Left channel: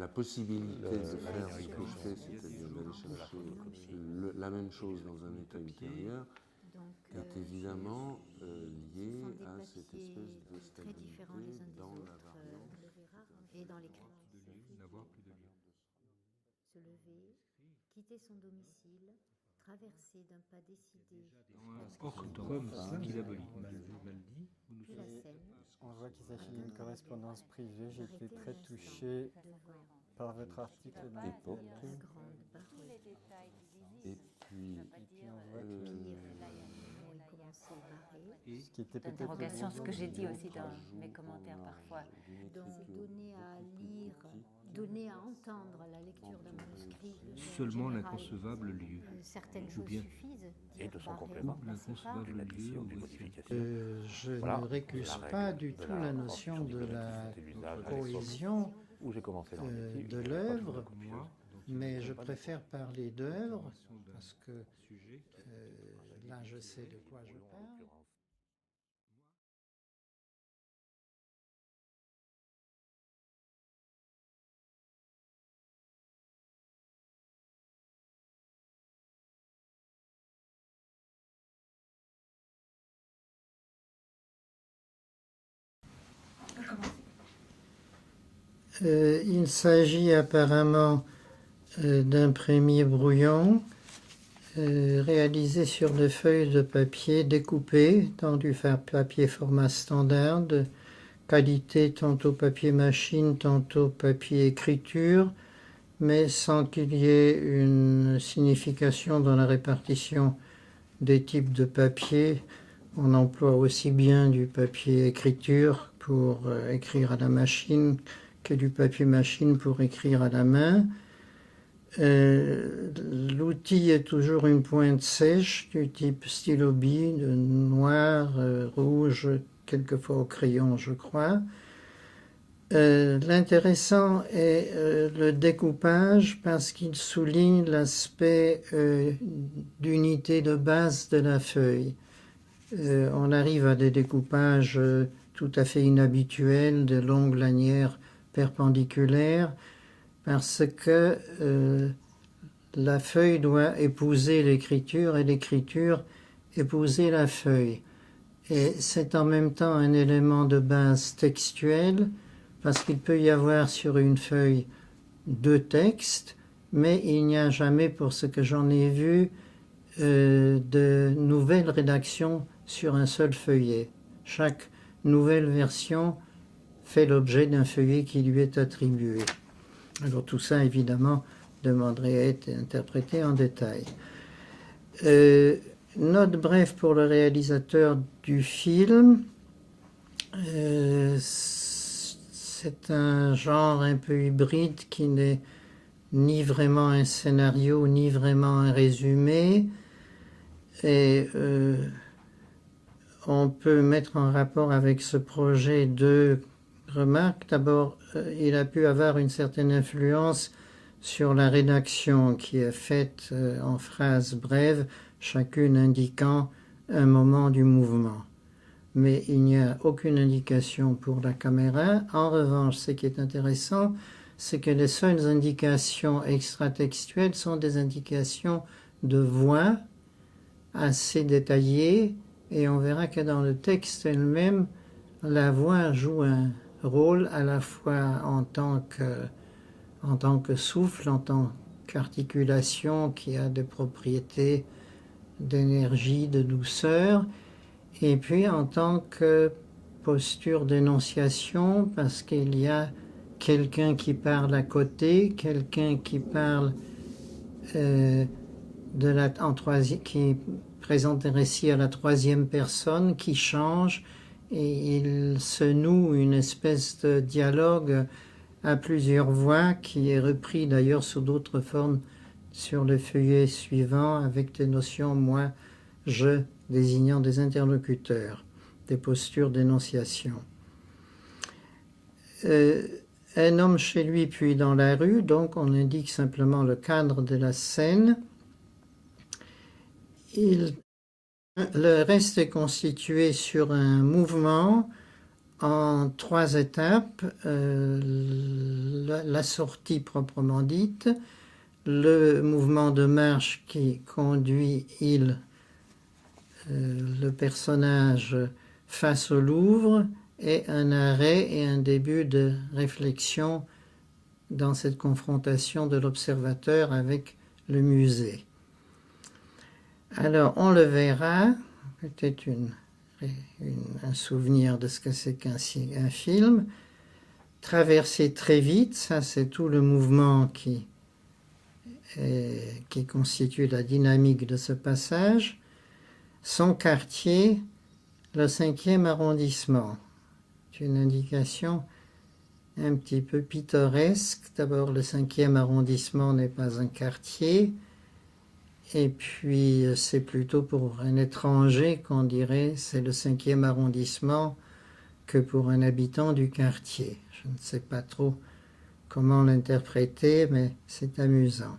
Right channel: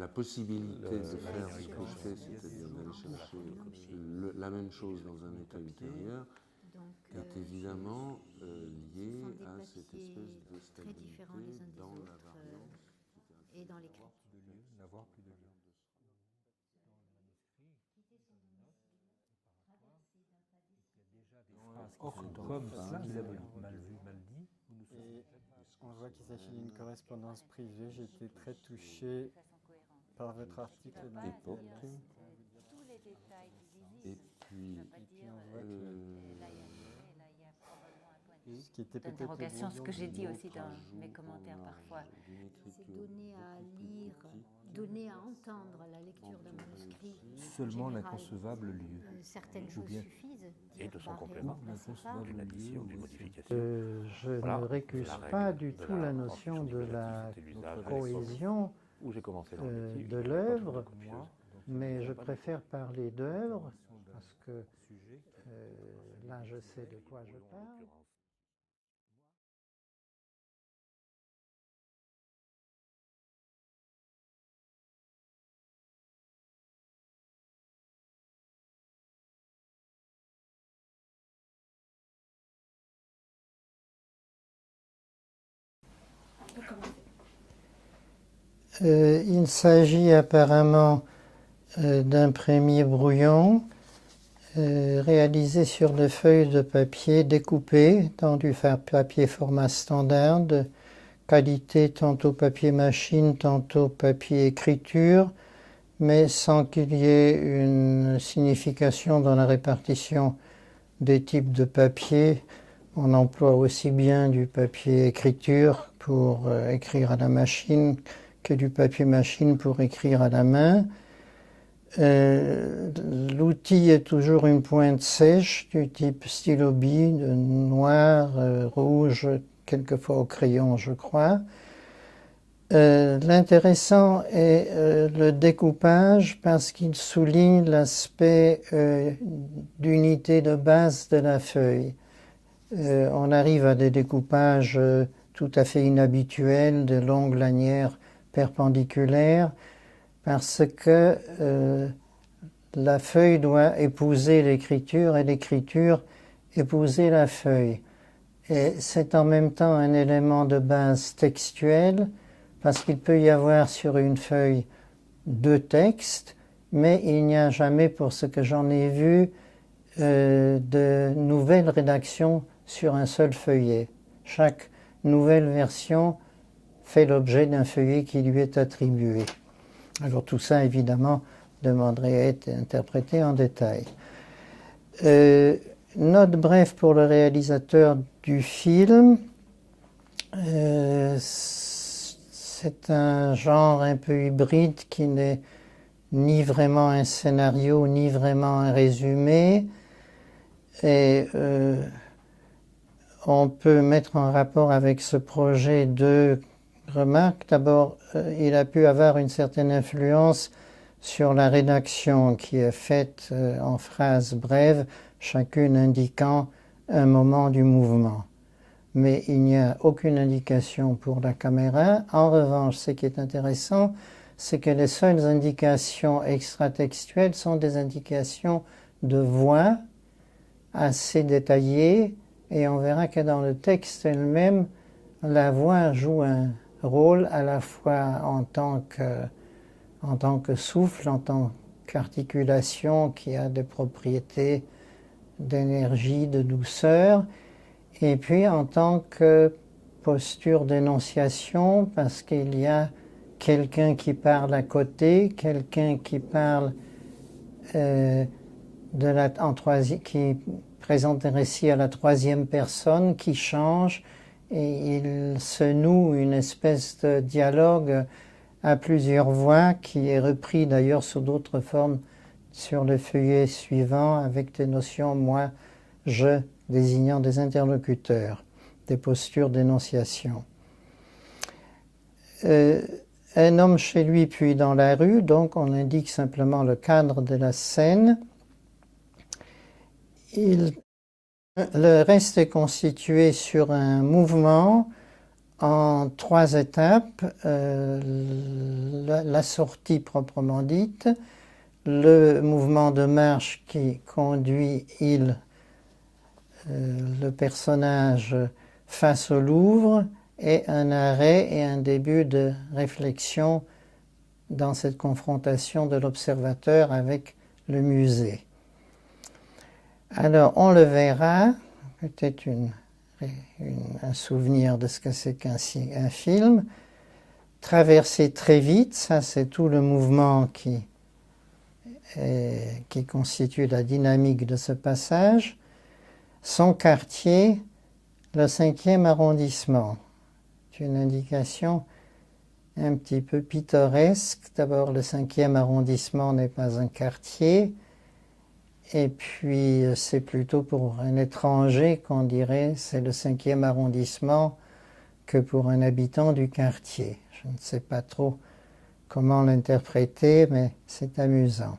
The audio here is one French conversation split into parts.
la possibilité de faire ce que je fais, c'est-à-dire d'aller chercher la même chose dans un état ultérieur, est évidemment lié à cette espèce de stabilité dans la variance, et dans les N'avoir plus de vie. se lever, quitter son domicile, traverser d'un pas décidé Orthographe, c'est diabolique. Mal dit. On voit qu'il s'agit d'une correspondance privée. J'ai été très touché par votre article dans époque. Tous les détails Et puis, on voit ce qui était peut-être d'interrogation, ce que j'ai dit aussi dans ajout mes commentaires qu'on a parfois. d'une c'est écriture donner à beaucoup plus lire, petite, donner à entendre la lecture d'un manuscrit. Seulement En général, l'inconcevable lieu. certaines choses suffisent. Et de son complément, d'une addition, d'une modification. Je Voilà, ne récuse la règle pas du de tout la la notion transmission de la diplomatique, c'était l'usage à l'époque cohésion où j'ai commencé dans le métier, de il n'y avait pas de l'œuvre, photocopieuse. mais je préfère parler d'œuvre parce que là je sais de quoi je En parle. l'occurrence, Il s'agit apparemment d'un premier brouillon réalisé sur des feuilles de papier découpées dans du papier format standard de qualité tantôt papier machine, tantôt papier écriture, mais sans qu'il y ait une signification dans la répartition des types de papier. On emploie aussi bien du papier écriture pour écrire à la machine que du papier machine pour écrire à la main. L'outil est toujours une pointe sèche du type stylo bille, de noir, rouge, quelquefois au crayon je crois. L'intéressant est le découpage parce qu'il souligne l'aspect d'unité de base de la feuille. On arrive à des découpages tout à fait inhabituels, de longues lanières perpendiculaires, parce que la feuille doit épouser l'écriture et l'écriture épouser la feuille. Et c'est en même temps un élément de base textuel, parce qu'il peut y avoir sur une feuille deux textes, mais il n'y a jamais, pour ce que j'en ai vu, de nouvelles rédactions sur un seul feuillet. Chaque nouvelle version fait l'objet d'un feuillet qui lui est attribué. Alors tout ça, évidemment, demanderait à être interprété en détail. Note brève pour le réalisateur du film. C'est un genre un peu hybride qui n'est ni vraiment un scénario, ni vraiment un résumé. Et on peut mettre en rapport avec ce projet deux remarques. D'abord, il a pu avoir une certaine influence sur la rédaction qui est faite en phrases brèves, chacune indiquant un moment du mouvement. Mais il n'y a aucune indication pour la caméra. En revanche, ce qui est intéressant, c'est que les seules indications extratextuelles sont des indications de voix assez détaillées, et on verra que dans le texte elle-même, la voix joue un rôle à la fois en tant que souffle, en tant qu'articulation qui a des propriétés d'énergie, de douceur, et puis en tant que posture d'énonciation, parce qu'il y a quelqu'un qui parle à côté, quelqu'un qui parle qui présente un récit à la troisième personne, qui change, et il se noue une espèce de dialogue à plusieurs voix, qui est repris d'ailleurs sous d'autres formes sur le feuillet suivant, avec des notions moi, je, désignant des interlocuteurs, des postures d'énonciation. Un homme chez lui puis dans la rue, donc on indique simplement le cadre de la scène. Le reste est constitué sur un mouvement en 3 étapes, la sortie proprement dite, le mouvement de marche qui conduit le personnage face au Louvre, et un arrêt et un début de réflexion dans cette confrontation de l'observateur avec le musée. Alors, on le verra, peut-être un souvenir de ce que c'est qu'un film, traverser très vite, ça c'est tout le mouvement qui constitue la dynamique de ce passage. Son quartier, le 5e arrondissement. C'est une indication un petit peu pittoresque. D'abord, le 5e arrondissement n'est pas un quartier, et puis c'est plutôt pour un étranger qu'on dirait c'est le 5e arrondissement que pour un habitant du quartier. Je ne sais pas trop comment l'interpréter, mais c'est amusant.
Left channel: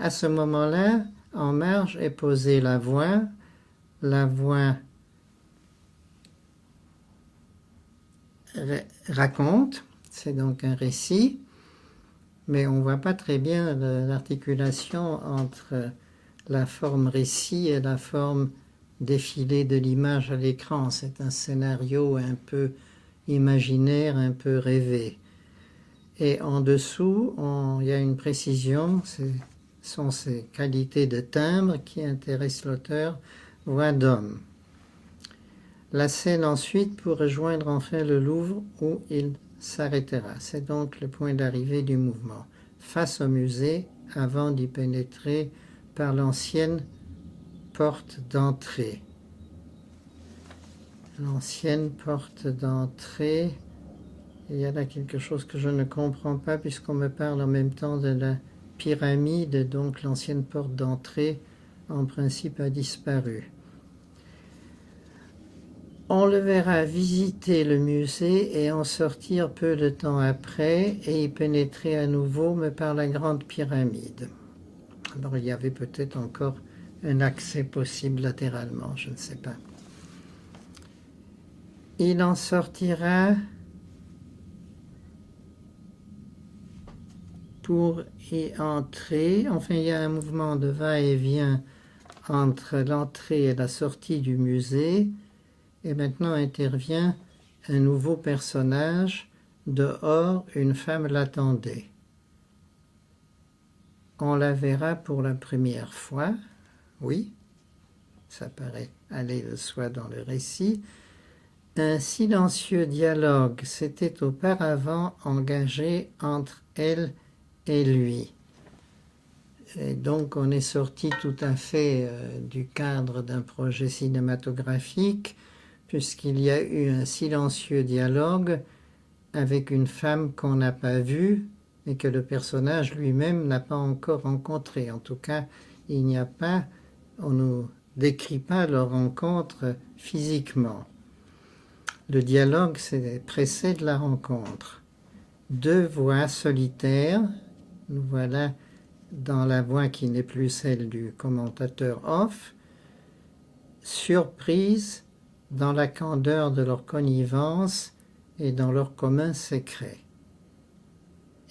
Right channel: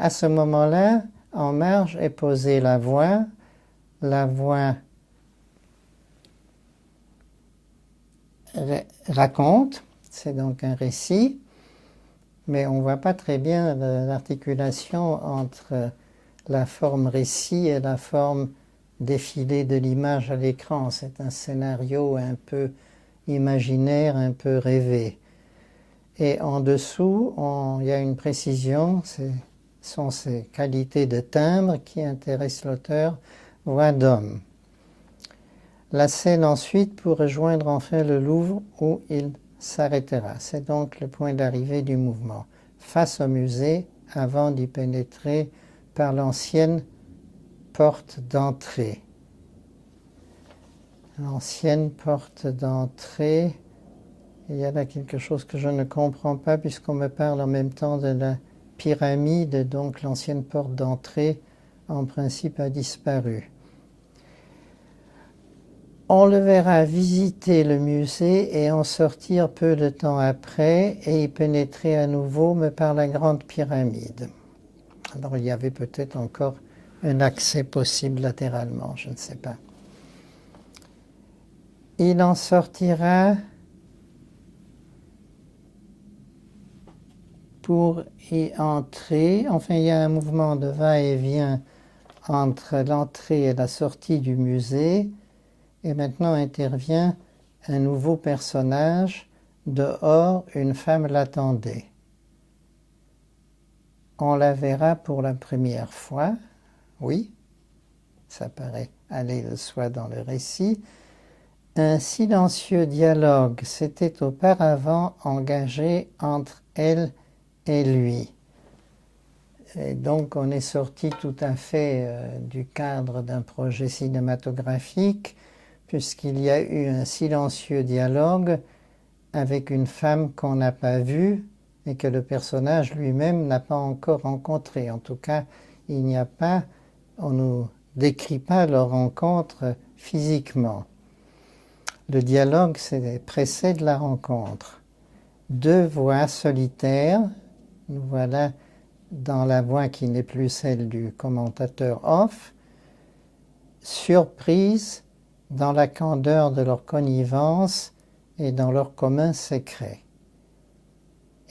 À ce moment-là, en marge est posée la voix raconte, c'est donc un récit, mais on ne voit pas très bien l'articulation entre la forme récit et la forme défilé de l'image à l'écran. C'est un scénario un peu imaginaire, un peu rêvé. Et en dessous, il y a une précision, ce sont ces qualités de timbre qui intéressent l'auteur, voix d'homme. La scène ensuite pour rejoindre enfin le Louvre où il s'arrêtera. C'est donc le point d'arrivée du mouvement. Face au musée, avant d'y pénétrer par l'ancienne porte d'entrée. L'ancienne porte d'entrée, il y a là quelque chose que je ne comprends pas puisqu'on me parle en même temps de la pyramide, donc l'ancienne porte d'entrée en principe a disparu. On le verra visiter le musée et en sortir peu de temps après et y pénétrer à nouveau, mais par la grande pyramide. Alors il y avait peut-être encore un accès possible latéralement, je ne sais pas. Il en sortira pour y entrer. Enfin, il y a un mouvement de va-et-vient entre l'entrée et la sortie du musée. Et maintenant intervient un nouveau personnage. Dehors, une femme l'attendait. On la verra pour la première fois. Oui, ça paraît aller de soi dans le récit. Un silencieux dialogue s'était auparavant engagé entre elle et lui. Et donc on est sorti tout à fait du cadre d'un projet cinématographique, puisqu'il y a eu un silencieux dialogue avec une femme qu'on n'a pas vue et que le personnage lui-même n'a pas encore rencontrée. En tout cas, on ne nous décrit pas leur rencontre physiquement. Le dialogue précède la rencontre. 2 voix solitaires, nous voilà dans la voix qui n'est plus celle du commentateur off, surprise dans la candeur de leur connivence et dans leur commun secret.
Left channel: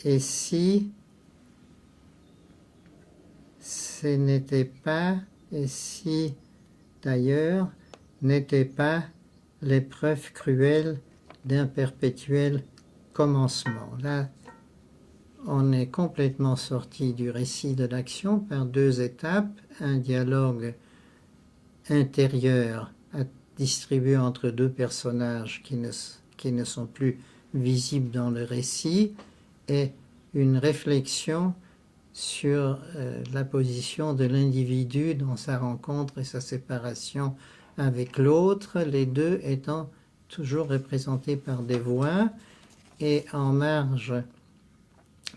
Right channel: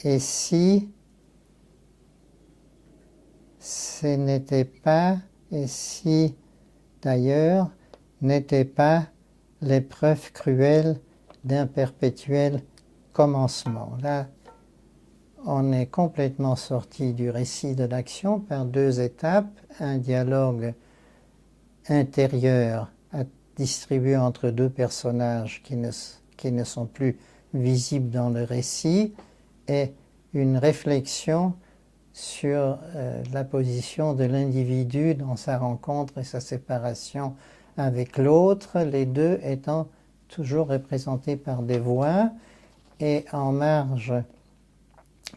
Et si ce n'était pas, et si d'ailleurs n'était pas l'épreuve cruelle d'un perpétuel commencement. Là, on est complètement sorti du récit de l'action par 2 étapes, un dialogue intérieur distribué entre 2 personnages qui ne sont plus visibles dans le récit, et une réflexion sur la position de l'individu dans sa rencontre et sa séparation avec l'autre, les deux étant toujours représentés par des voix, et en marge,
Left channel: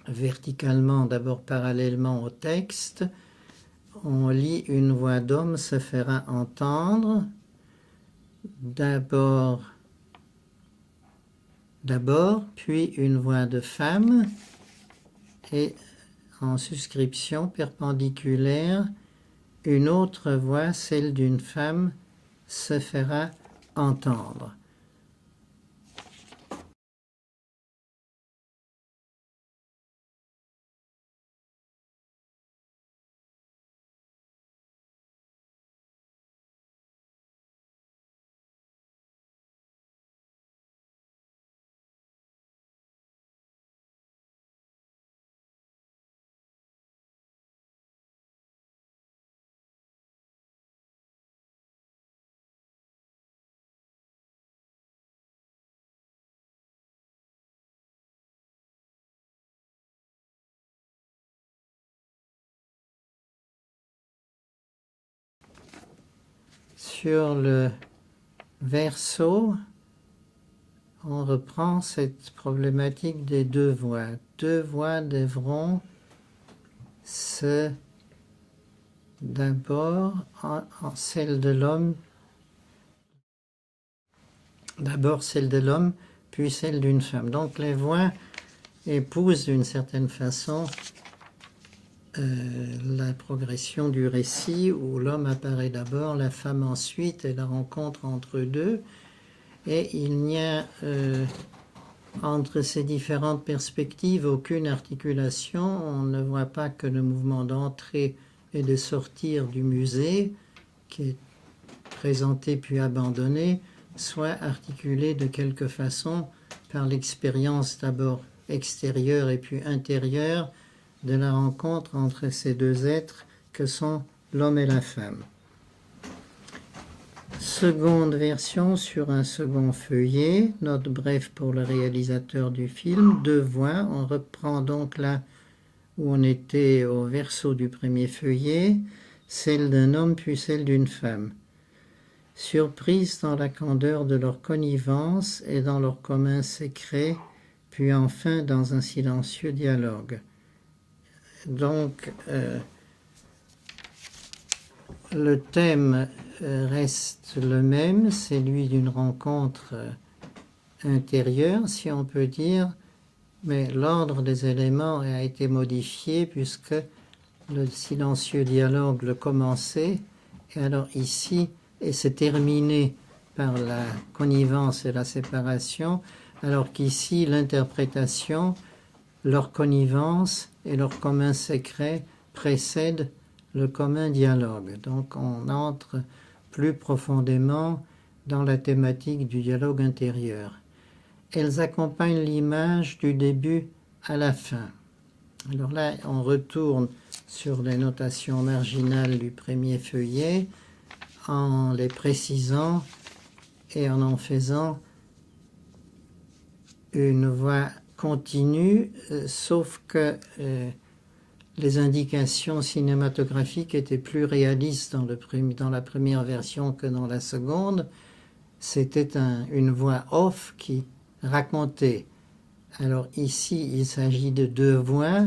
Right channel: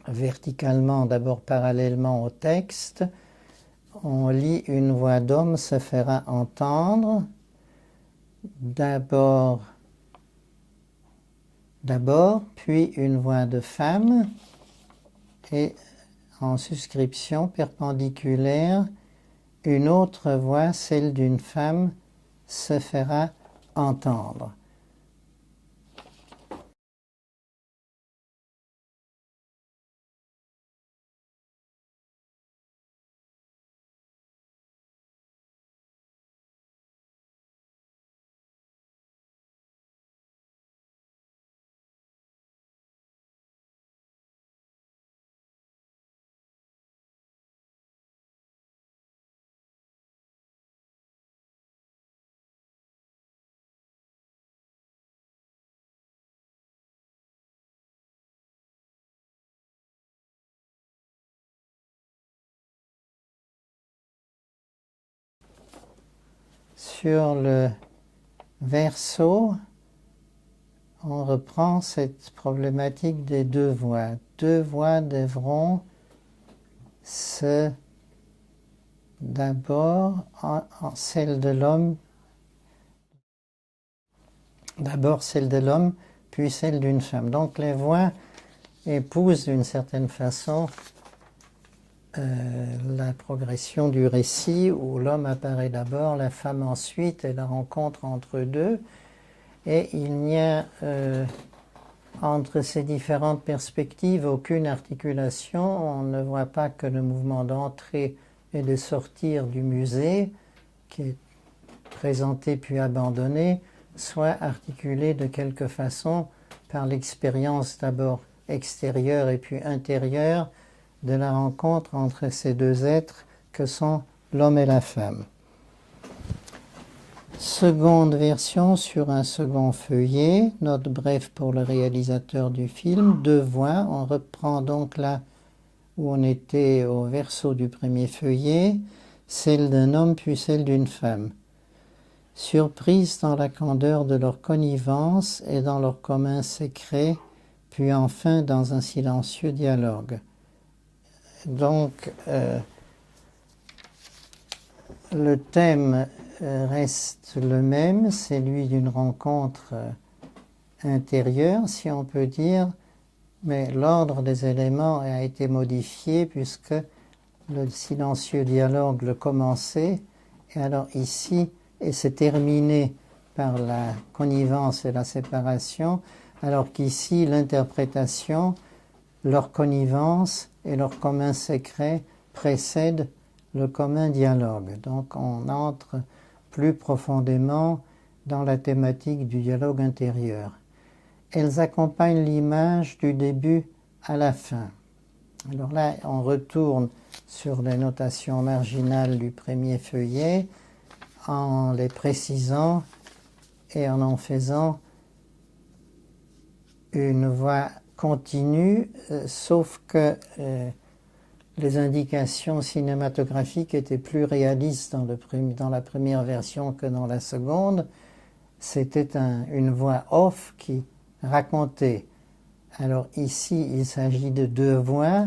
verticalement, d'abord parallèlement au texte, on lit une voix d'homme se fera entendre, d'abord, puis une voix de femme, et en suscription perpendiculaire, une autre voix, celle d'une femme, se fera entendre. sur le verso, on reprend cette problématique des deux voix. Deux voix devront d'abord celle de l'homme, puis celle d'une femme. Donc les voix épousent d'une certaine façon la progression du récit où l'homme apparaît d'abord, la femme ensuite, et la rencontre entre deux. Et il n'y a entre ces différentes perspectives aucune articulation. On ne voit pas que le mouvement d'entrée et de sortir du musée, qui est présenté puis abandonné, soit articulé de quelque façon par l'expérience d'abord extérieure et puis intérieure de la rencontre entre ces deux êtres que sont l'homme et la femme. Seconde version sur un second feuillet, note brève pour le réalisateur du film, deux voix, on reprend donc là où on était au verso du premier feuillet, celle d'un homme puis celle d'une femme. Surprise dans la candeur de leur connivence et dans leur commun secret, puis enfin dans un silencieux dialogue. Donc, le thème reste le même, c'est celui d'une rencontre intérieure, si on peut dire, mais l'ordre des éléments a été modifié puisque le silencieux dialogue le commençait, et alors ici, et c'est terminé par la connivence et la séparation, alors qu'ici, l'interprétation, leur connivence et leur commun secret précèdent le commun dialogue. Donc on entre plus profondément dans la thématique du dialogue intérieur. Elles accompagnent l'image du début à la fin. Alors là, on retourne sur les notations marginales du premier feuillet en les précisant et en faisant une voix continue, sauf que les indications cinématographiques étaient plus réalistes dans la première version que dans la seconde. C'était une voix off qui racontait. Alors ici, il s'agit de deux voix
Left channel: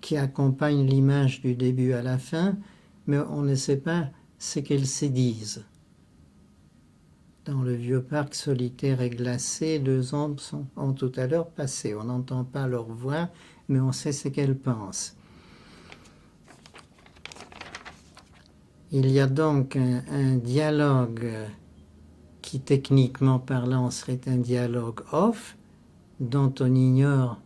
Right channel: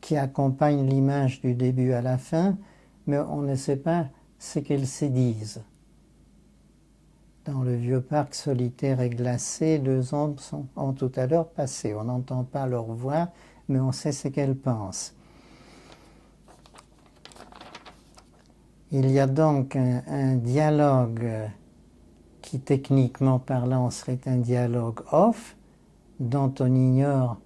qui accompagnent l'image du début à la fin, mais on ne sait pas ce qu'elles se disent. Dans le vieux parc solitaire et glacé, deux ombres ont tout à l'heure passé. On n'entend pas leur voix, mais on sait ce qu'elles pensent. Il y a donc un dialogue qui, techniquement parlant, serait un dialogue off, dont on ignore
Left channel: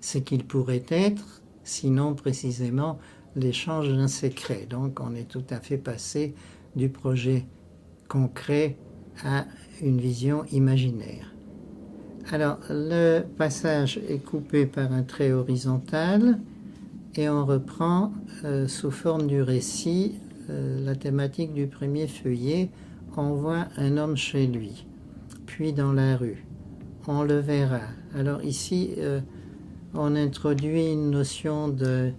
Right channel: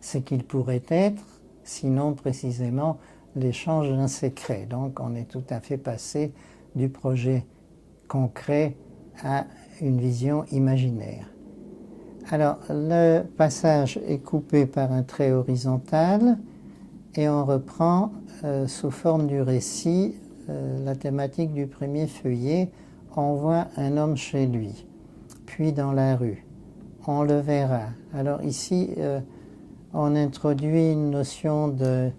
ce qu'il pourrait être, sinon précisément l'échange d'un secret. Donc on est tout à fait passé du projet concret à une vision imaginaire. Alors le passage est coupé par un trait horizontal et on reprend sous forme du récit la thématique du premier feuillet. On voit un homme chez lui, puis dans la rue. On le verra. Alors ici, on introduit une notion de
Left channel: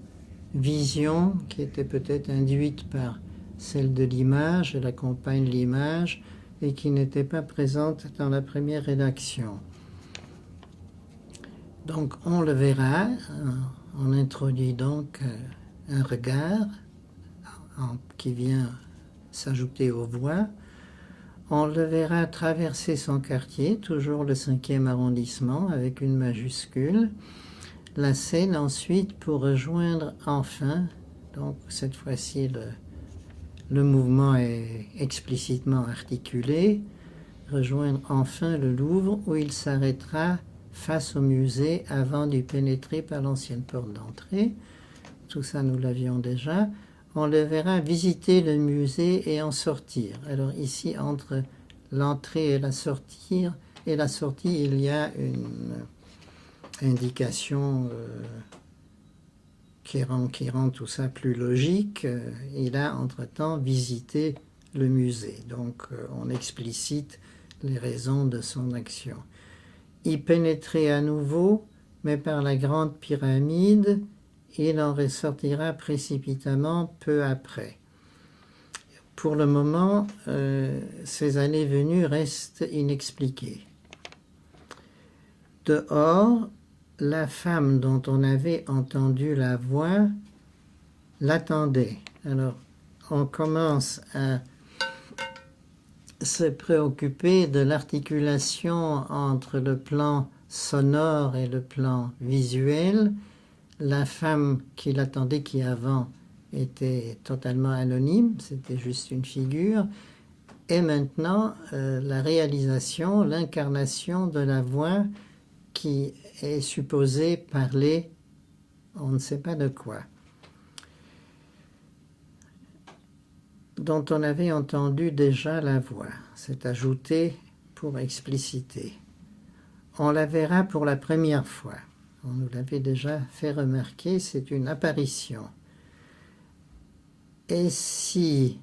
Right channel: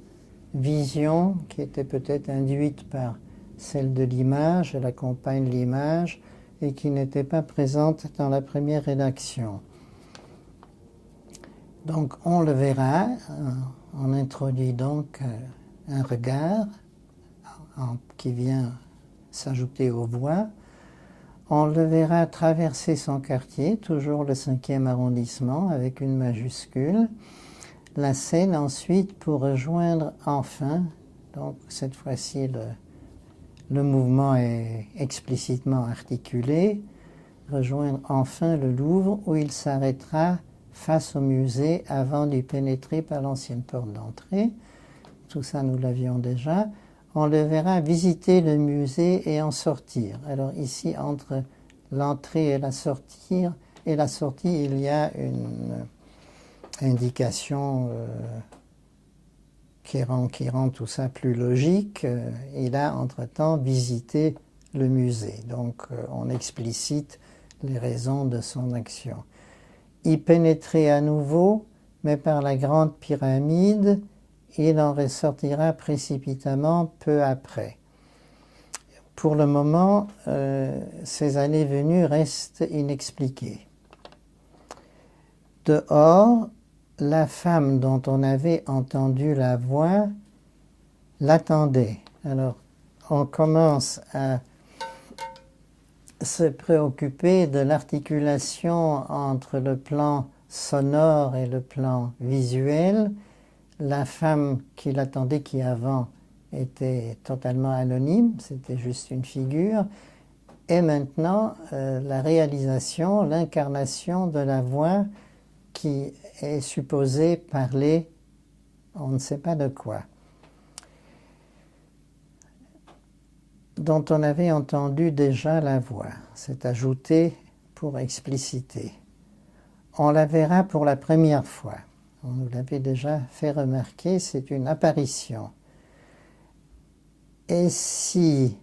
vision qui était peut-être induite par celle de l'image, elle accompagne l'image, et qui n'était pas présente dans la première rédaction. Donc on le verra, on introduit donc un regard qui vient s'ajouter aux voix. On le verra traverser son quartier, toujours le 5e arrondissement avec une majuscule. La scène ensuite pour rejoindre enfin, donc cette fois-ci le mouvement est explicitement articulé, rejoindre enfin le Louvre où il s'arrêtera face au musée avant d'y pénétrer par l'ancienne porte d'entrée. Tout ça nous l'avions déjà. On le verra visiter le musée et en sortir. Alors ici, entre l'entrée et la sortie, il y a une indication qui rend tout ça plus logique. Il a entre-temps visité le musée. Donc on explicite les raisons de son action. Y pénétrer à nouveau, mais par la grande pyramide, il en ressortira précipitamment peu après. pour le moment, ces allées-venues restent inexpliquées. Dehors, la femme dont on avait entendu la voix l'attendait. Alors, on commence à se préoccuper de l'articulation entre le plan sonore et le plan visuel. La femme qui l'attendait, qui avant était totalement anonyme, c'était juste une figure, et maintenant la réalisation, l'incarnation de la voix qui est supposée parler, on ne sait pas de quoi, dont on avait entendu déjà la voix. C'est ajouté pour expliciter. On la verra pour la première fois. On nous l'avait déjà fait remarquer, c'est une apparition. Et si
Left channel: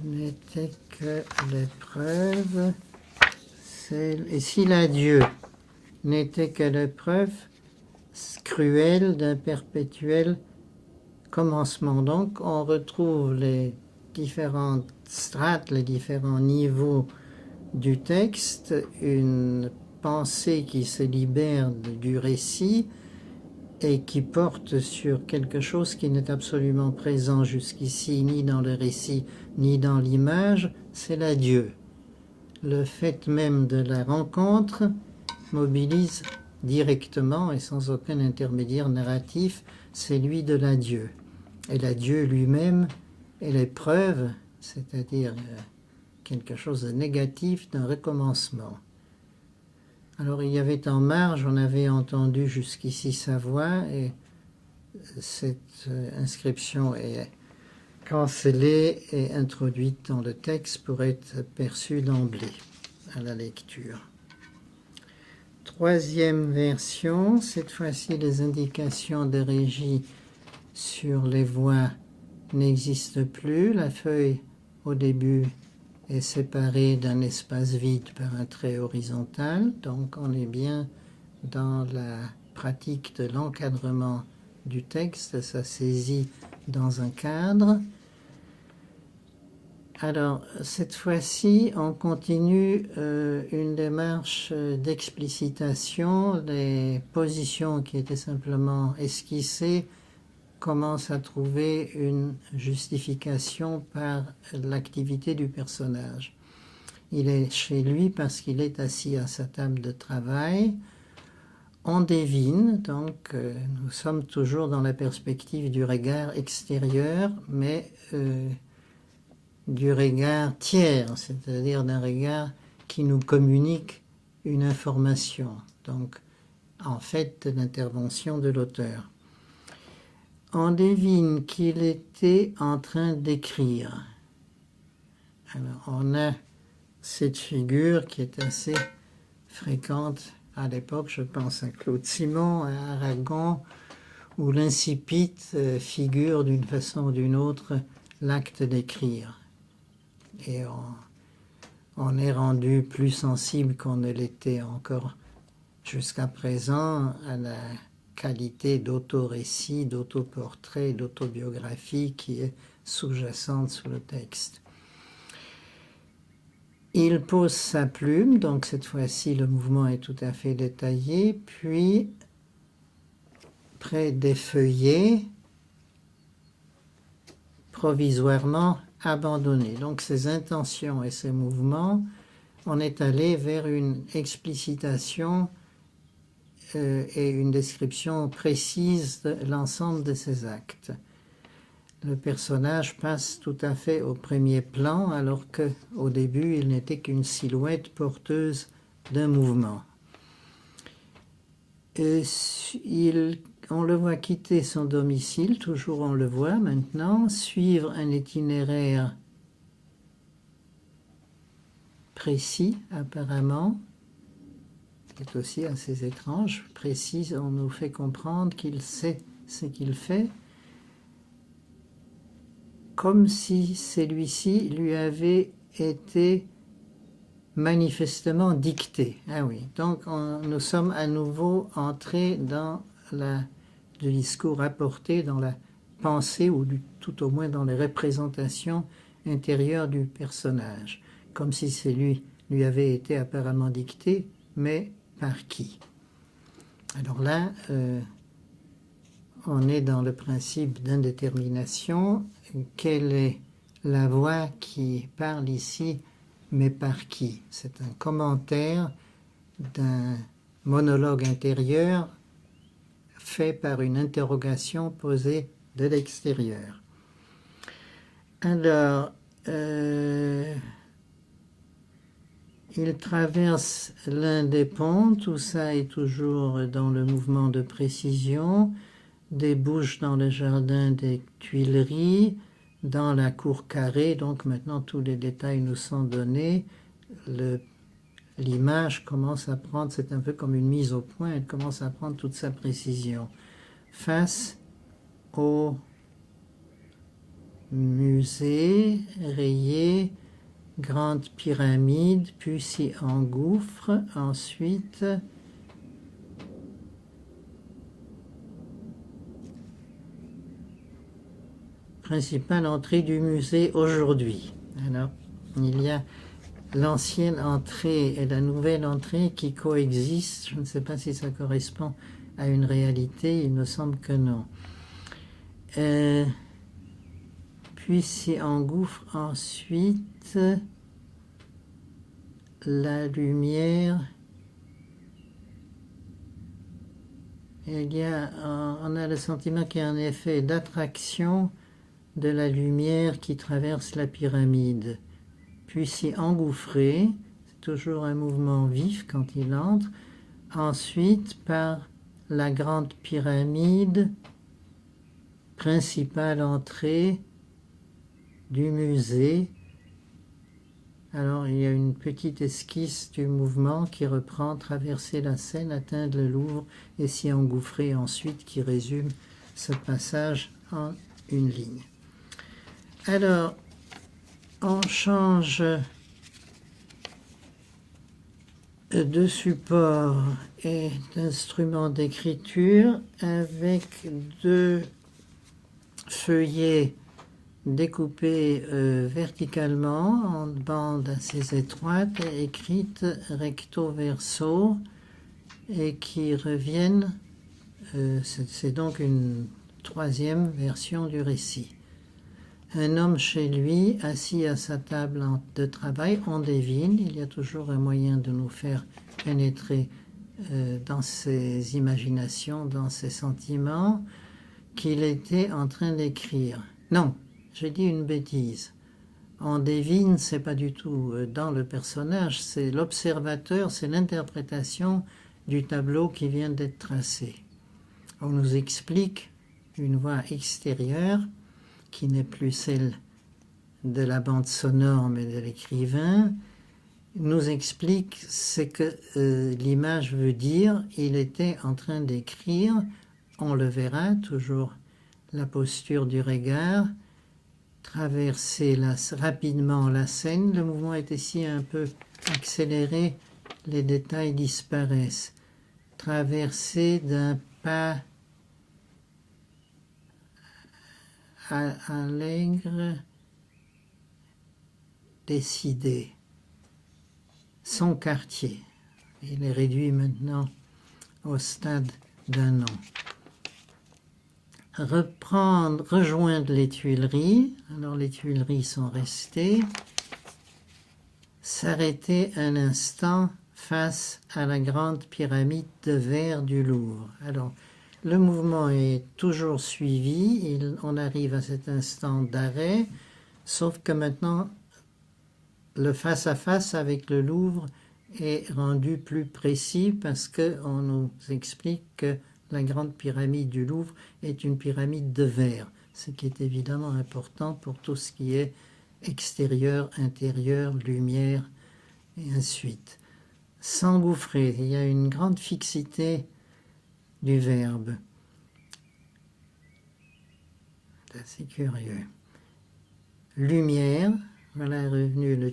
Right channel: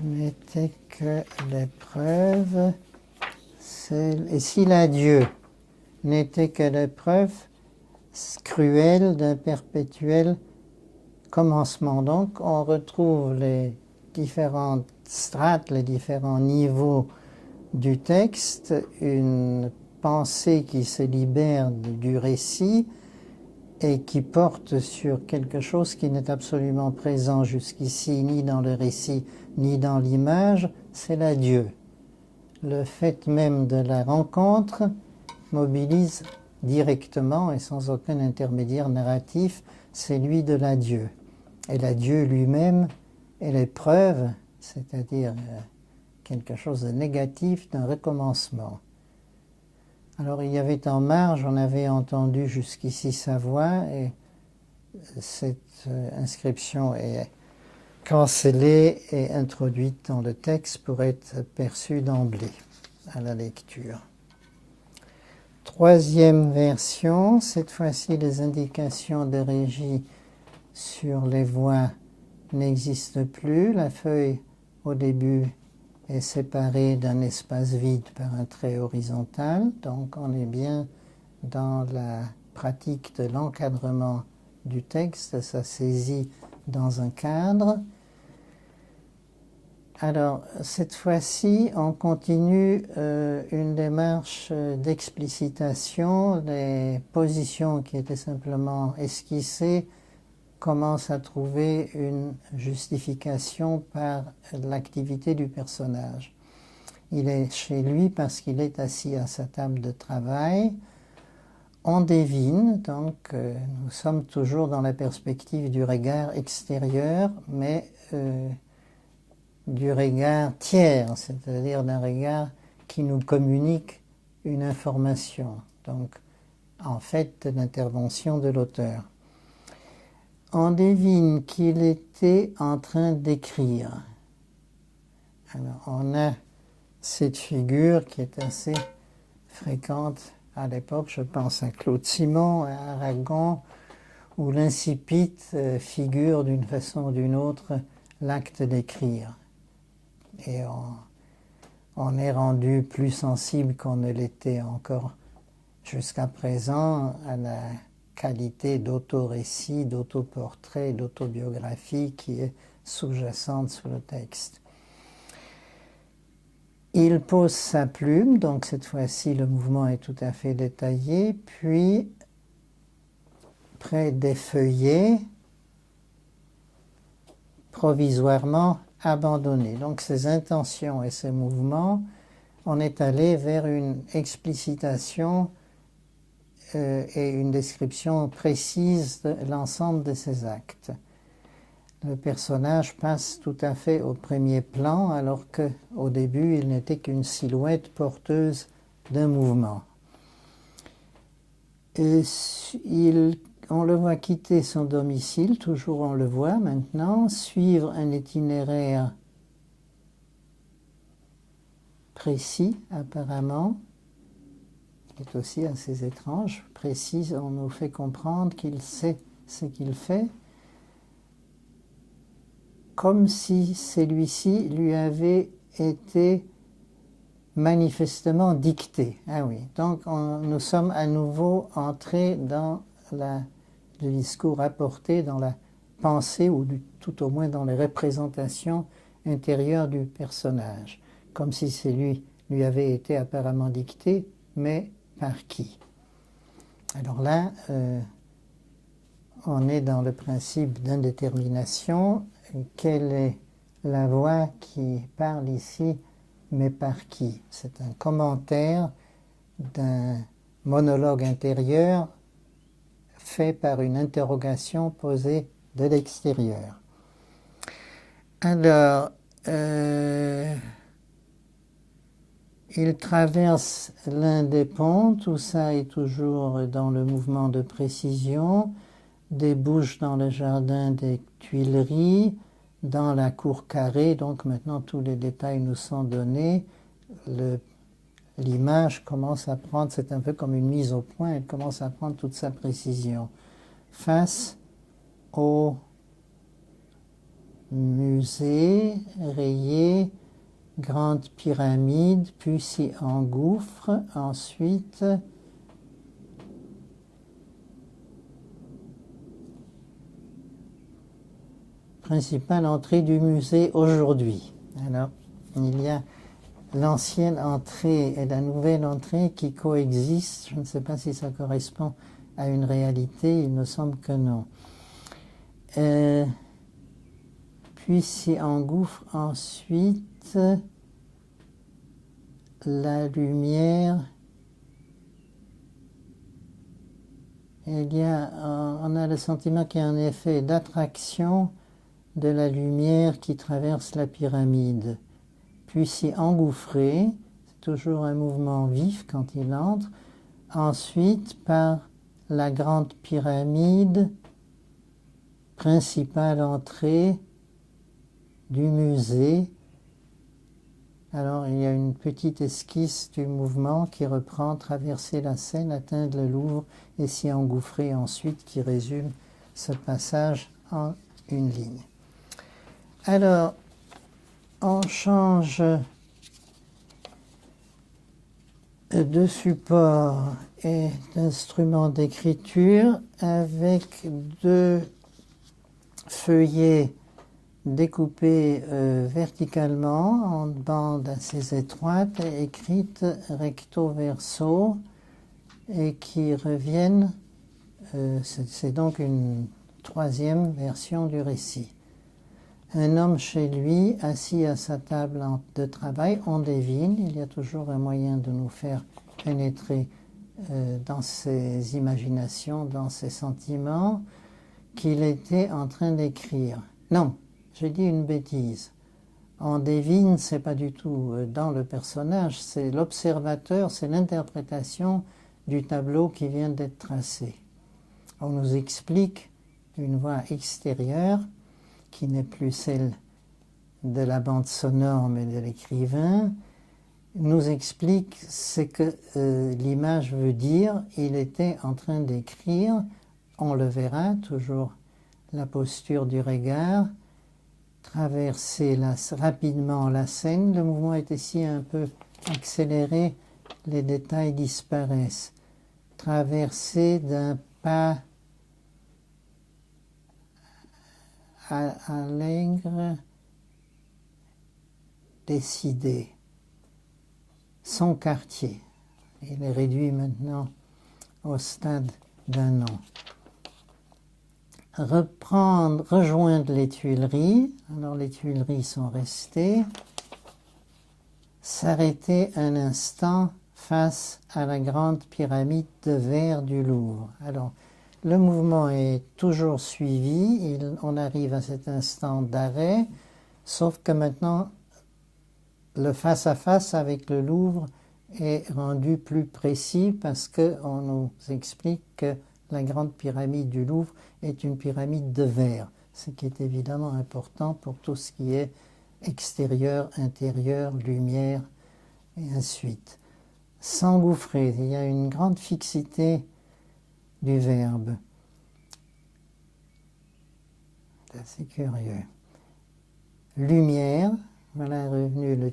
n'était que l'épreuve, et si l'adieu n'était que l'épreuve cruelle d'un perpétuel commencement. Donc on retrouve les différentes strates, les différents niveaux du texte, une pensée qui se libère du récit et qui porte sur quelque chose qui n'est absolument présent jusqu'ici, ni dans le récit, ni dans l'image, c'est l'adieu. Le fait même de la rencontre mobilise directement et sans aucun intermédiaire narratif celui de l'adieu. Et l'adieu lui-même est l'épreuve, c'est-à-dire quelque chose de négatif d'un recommencement. Alors il y avait en marge, on avait entendu jusqu'ici sa voix et cette inscription est cancellée et introduite dans le texte pour être perçue d'emblée à la lecture. Troisième version, cette fois-ci les indications de régie sur les voix n'existent plus. La feuille au début est séparée d'un espace vide par un trait horizontal, donc on est bien dans la pratique de l'encadrement du texte, ça saisit dans un cadre. Alors, cette fois-ci, on continue une démarche d'explicitation. Les positions qui étaient simplement esquissées commencent à trouver une justification par l'activité du personnage. Il est chez lui parce qu'il est assis à sa table de travail. On devine, donc nous sommes toujours dans la perspective du regard extérieur, mais du regard tiers, c'est-à-dire d'un regard qui nous communique une information, donc en fait de l'intervention de l'auteur. On devine qu'il était en train d'écrire. Alors on a cette figure qui est assez fréquente à l'époque, je pense à Claude Simon, à Aragon, où l'incipit figure d'une façon ou d'une autre l'acte d'écrire. Et on est rendu plus sensible qu'on ne l'était encore jusqu'à présent à la qualité d'autorécit, d'autoportrait, d'autobiographie qui est sous-jacente sous le texte. Il pose sa plume, donc cette fois-ci le mouvement est tout à fait détaillé, puis près des feuillets, provisoirement abandonné. Donc ces intentions et ces mouvements, on est allé vers une explicitation et une description précise de l'ensemble de ces actes. Le personnage passe tout à fait au premier plan alors qu'au début il n'était qu'une silhouette porteuse d'un mouvement. Et on le voit quitter son domicile, toujours on le voit maintenant, suivre un itinéraire précis apparemment, qui est aussi assez étrange, précis, on nous fait comprendre qu'il sait ce qu'il fait, comme si celui-ci lui avait été manifestement dicté. Ah oui, donc nous sommes à nouveau entrés dans le discours apporté, dans la pensée, ou tout au moins dans les représentations intérieures du personnage, comme si c'est lui avait été apparemment dicté, mais par qui? Alors là, on est dans le principe d'indétermination. Quelle est la voix qui parle ici, mais par qui? C'est un commentaire d'un monologue intérieur fait par une interrogation posée de l'extérieur. Alors, il traverse l'un des ponts, tout ça est toujours dans le mouvement de précision, débouche dans le jardin des Tuileries, dans la cour carrée, donc maintenant tous les détails nous sont donnés. L'image commence à prendre, c'est un peu comme une mise au point, elle commence à prendre toute sa précision. Face au musée rayé, grande pyramide, puis s'y engouffre, ensuite principale entrée du musée aujourd'hui. Alors, il y a l'ancienne entrée et la nouvelle entrée qui coexistent. Je ne sais pas si ça correspond à une réalité, il me semble que non. Puis s'y engouffre ensuite la lumière. On a le sentiment qu'il y a un effet d'attraction de la lumière qui traverse la pyramide. Puis s'y engouffrer, c'est toujours un mouvement vif quand il entre. Ensuite, par la grande pyramide, principale entrée du musée. Alors, il y a une petite esquisse du mouvement qui reprend traverser la Seine, atteindre le Louvre et s'y engouffrer ensuite, qui résume ce passage en une ligne. Alors, on change de support et d'instrument d'écriture avec deux feuillets découpés verticalement en bandes assez étroites et écrites recto verso et qui reviennent, c'est donc une troisième version du récit. Un homme chez lui, assis à sa table de travail, on devine, il y a toujours un moyen de nous faire pénétrer dans ses imaginations, dans ses sentiments, qu'il était en train d'écrire. Non, j'ai dit une bêtise. On devine, c'est pas du tout dans le personnage, c'est l'observateur, c'est l'interprétation du tableau qui vient d'être tracé. On nous explique une voix extérieure qui n'est plus celle de la bande sonore mais de l'écrivain, nous explique ce que l'image veut dire. Il était en train d'écrire, on le verra, toujours la posture du regard, traverser rapidement la scène. Le mouvement est ici un peu accéléré, les détails disparaissent. Traverser d'un pas allègre, décidé. Son quartier, il est réduit maintenant au stade d'un nom. Rejoindre les Tuileries, alors les Tuileries sont restées. S'arrêter un instant face à la grande pyramide de verre du Louvre. Alors, le mouvement est toujours suivi, on arrive à cet instant d'arrêt, sauf que maintenant, le face-à-face avec le Louvre est rendu plus précis parce qu'on nous explique que la grande pyramide du Louvre est une pyramide de verre, ce qui est évidemment important pour tout ce qui est extérieur, intérieur, lumière, et ainsi de suite. S'engouffrer, il y a une grande fixité du verbe. C'est assez curieux. Lumière, voilà revenu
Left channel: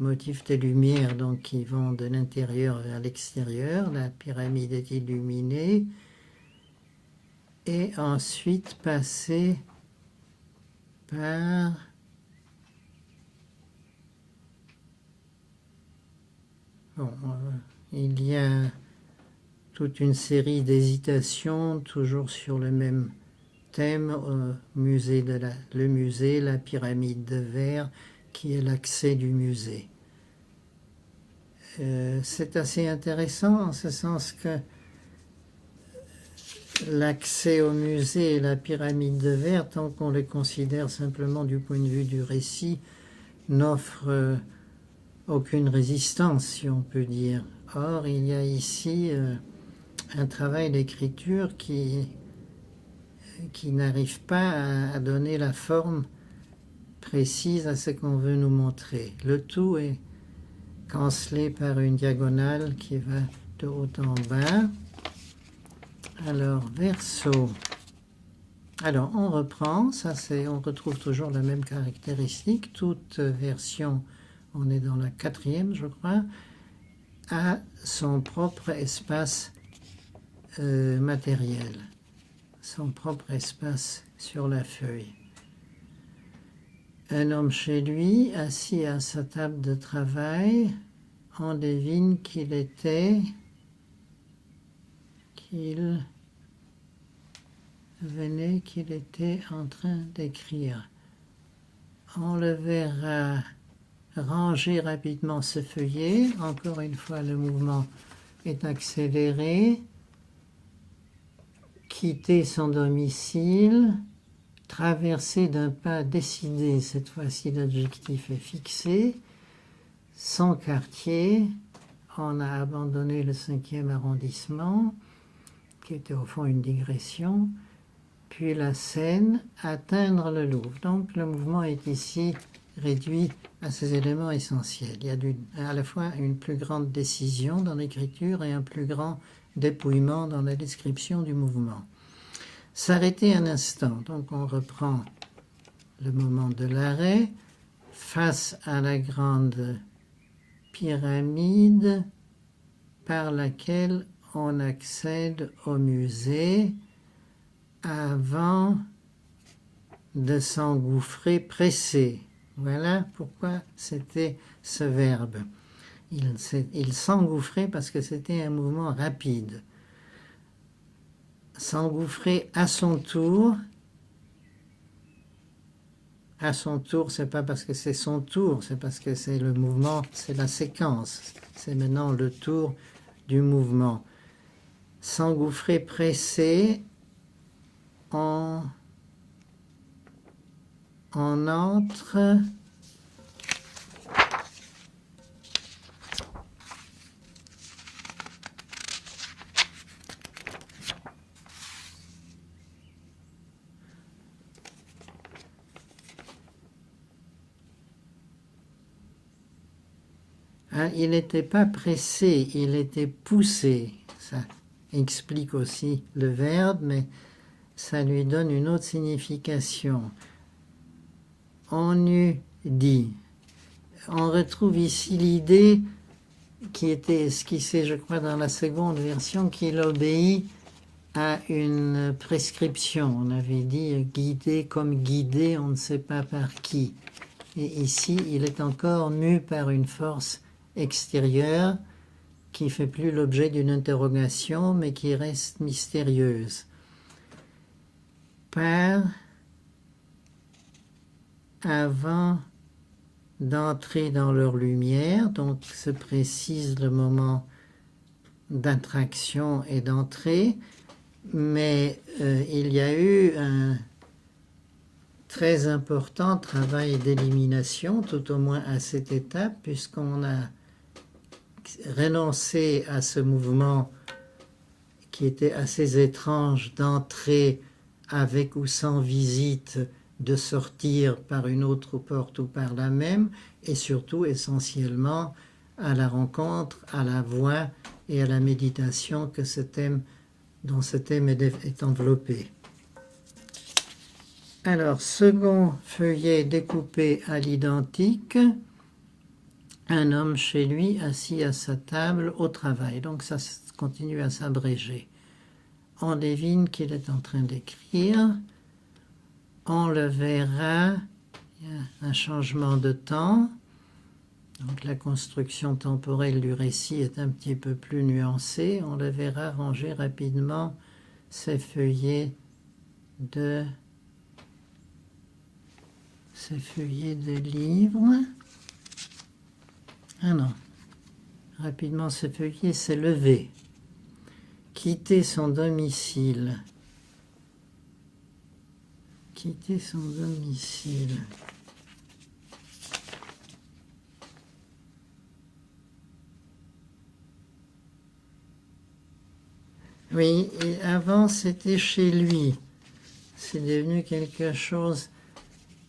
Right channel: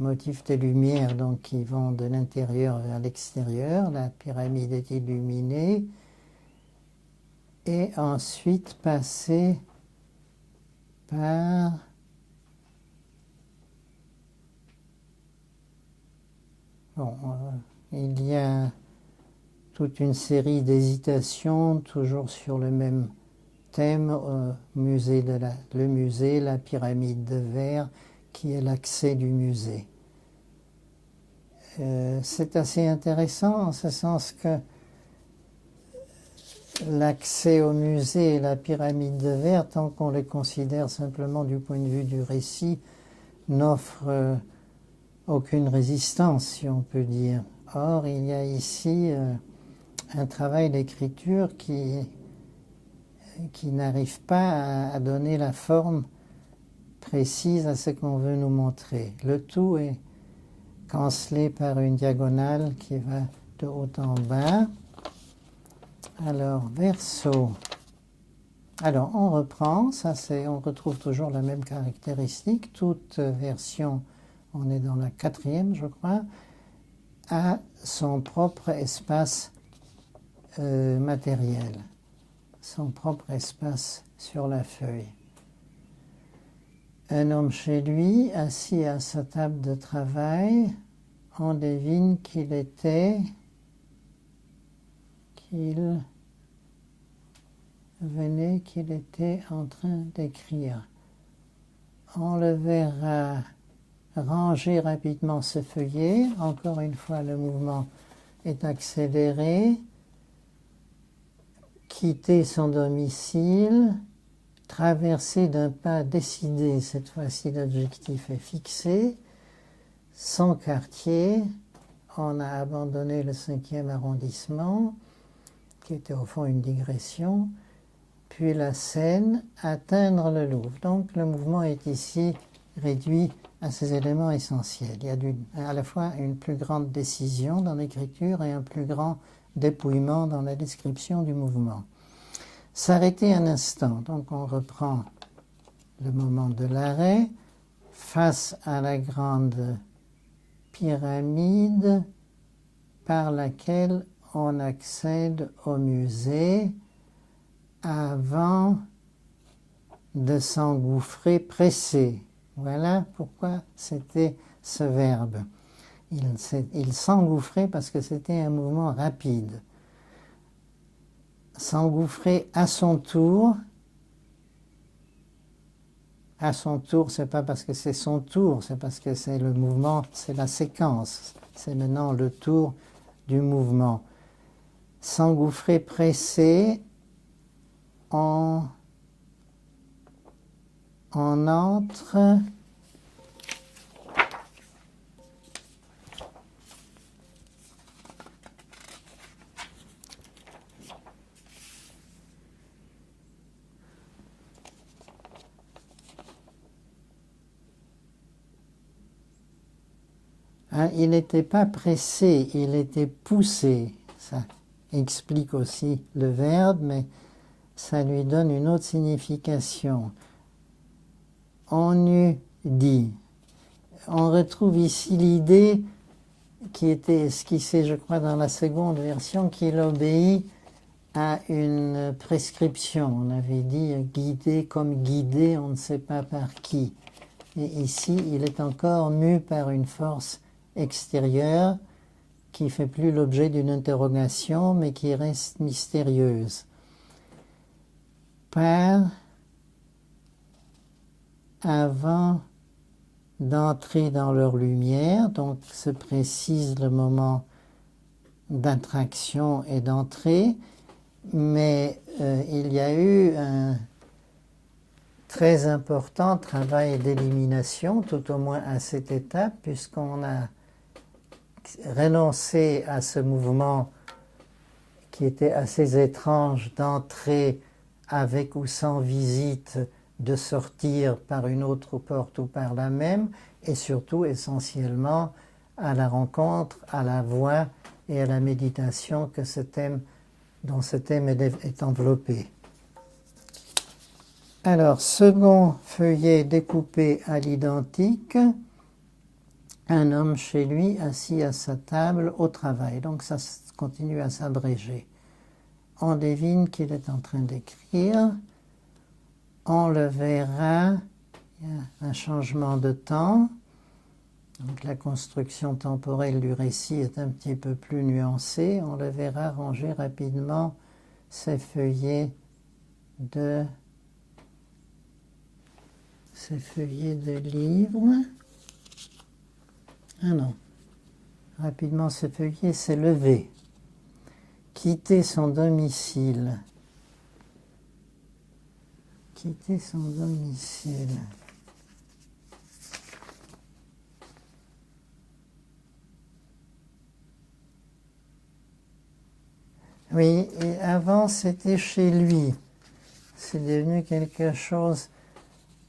motif de lumière donc, qui vont de l'intérieur vers l'extérieur. La pyramide est illuminée. Et ensuite passer par il y a toute une série d'hésitations, toujours sur le même thème, le musée, la pyramide de verre, qui est l'accès du musée. C'est assez intéressant en ce sens que l'accès au musée et la pyramide de verre, tant qu'on les considère simplement du point de vue du récit, n'offre aucune résistance, si on peut dire. Or, il y a ici un travail d'écriture qui n'arrive pas à donner la forme précise à ce qu'on veut nous montrer. Le tout est cancelé par une diagonale qui va de haut en bas. Alors, verso. Alors, on reprend, on retrouve toujours la même caractéristique. Toute version, on est dans la 4e, je crois, a son propre espace matériel, son propre espace sur la feuille. Un homme chez lui, assis à sa table de travail, on devine qu'il était en train d'écrire. On le verra ranger rapidement ce feuillet. Encore une fois, le mouvement est accéléré. Quitter son domicile, traverser d'un pas décidé, cette fois-ci l'adjectif est fixé, son quartier, on a abandonné le 5e arrondissement, qui était au fond une digression, puis la Seine, atteindre le Louvre. Donc le mouvement est ici réduit à ces éléments essentiels. Il y a à la fois une plus grande décision dans l'écriture et un plus grand dépouillement dans la description du mouvement. S'arrêter un instant, donc on reprend le moment de l'arrêt, face à la grande pyramide par laquelle on accède au musée avant de s'engouffrer pressé. Voilà pourquoi c'était ce verbe. Il s'engouffrait parce que c'était un mouvement rapide. S'engouffrer à son tour. À son tour, c'est pas parce que c'est son tour, c'est parce que c'est le mouvement, c'est la séquence. C'est maintenant le tour du mouvement. S'engouffrer pressé, on entre il n'était pas pressé, il était poussé. Ça explique aussi le verbe, mais ça lui donne une autre signification. On eût dit. On retrouve ici l'idée qui était esquissée, je crois, dans la seconde version, qu'il obéit à une prescription. On avait dit guidé comme guidé, on ne sait pas par qui. Et ici, il est encore mu par une force extérieure qui ne fait plus l'objet d'une interrogation, mais qui reste mystérieuse. Par avant d'entrer dans leur lumière, donc se précise le moment d'attraction et d'entrée, mais il y a eu un très important travail d'élimination, tout au moins à cette étape, puisqu'on a renoncé à ce mouvement qui était assez étrange d'entrer avec ou sans visite, de sortir par une autre porte ou par la même, et surtout essentiellement à la rencontre, à la voix et à la méditation dont ce thème est enveloppé. Alors, second feuillet découpé à l'identique, un homme chez lui, assis à sa table, au travail. Donc ça continue à s'abréger. On devine qu'il est en train d'écrire. On le verra. Il y a un changement de temps. Donc la construction temporelle du récit est un petit peu plus nuancée. On le verra ranger rapidement ses feuillets de livres. Ah non. Rapidement, ce feuillet s'est levé. Quitter son domicile. Quitter son domicile. Oui, et avant c'était chez lui. C'est devenu quelque chose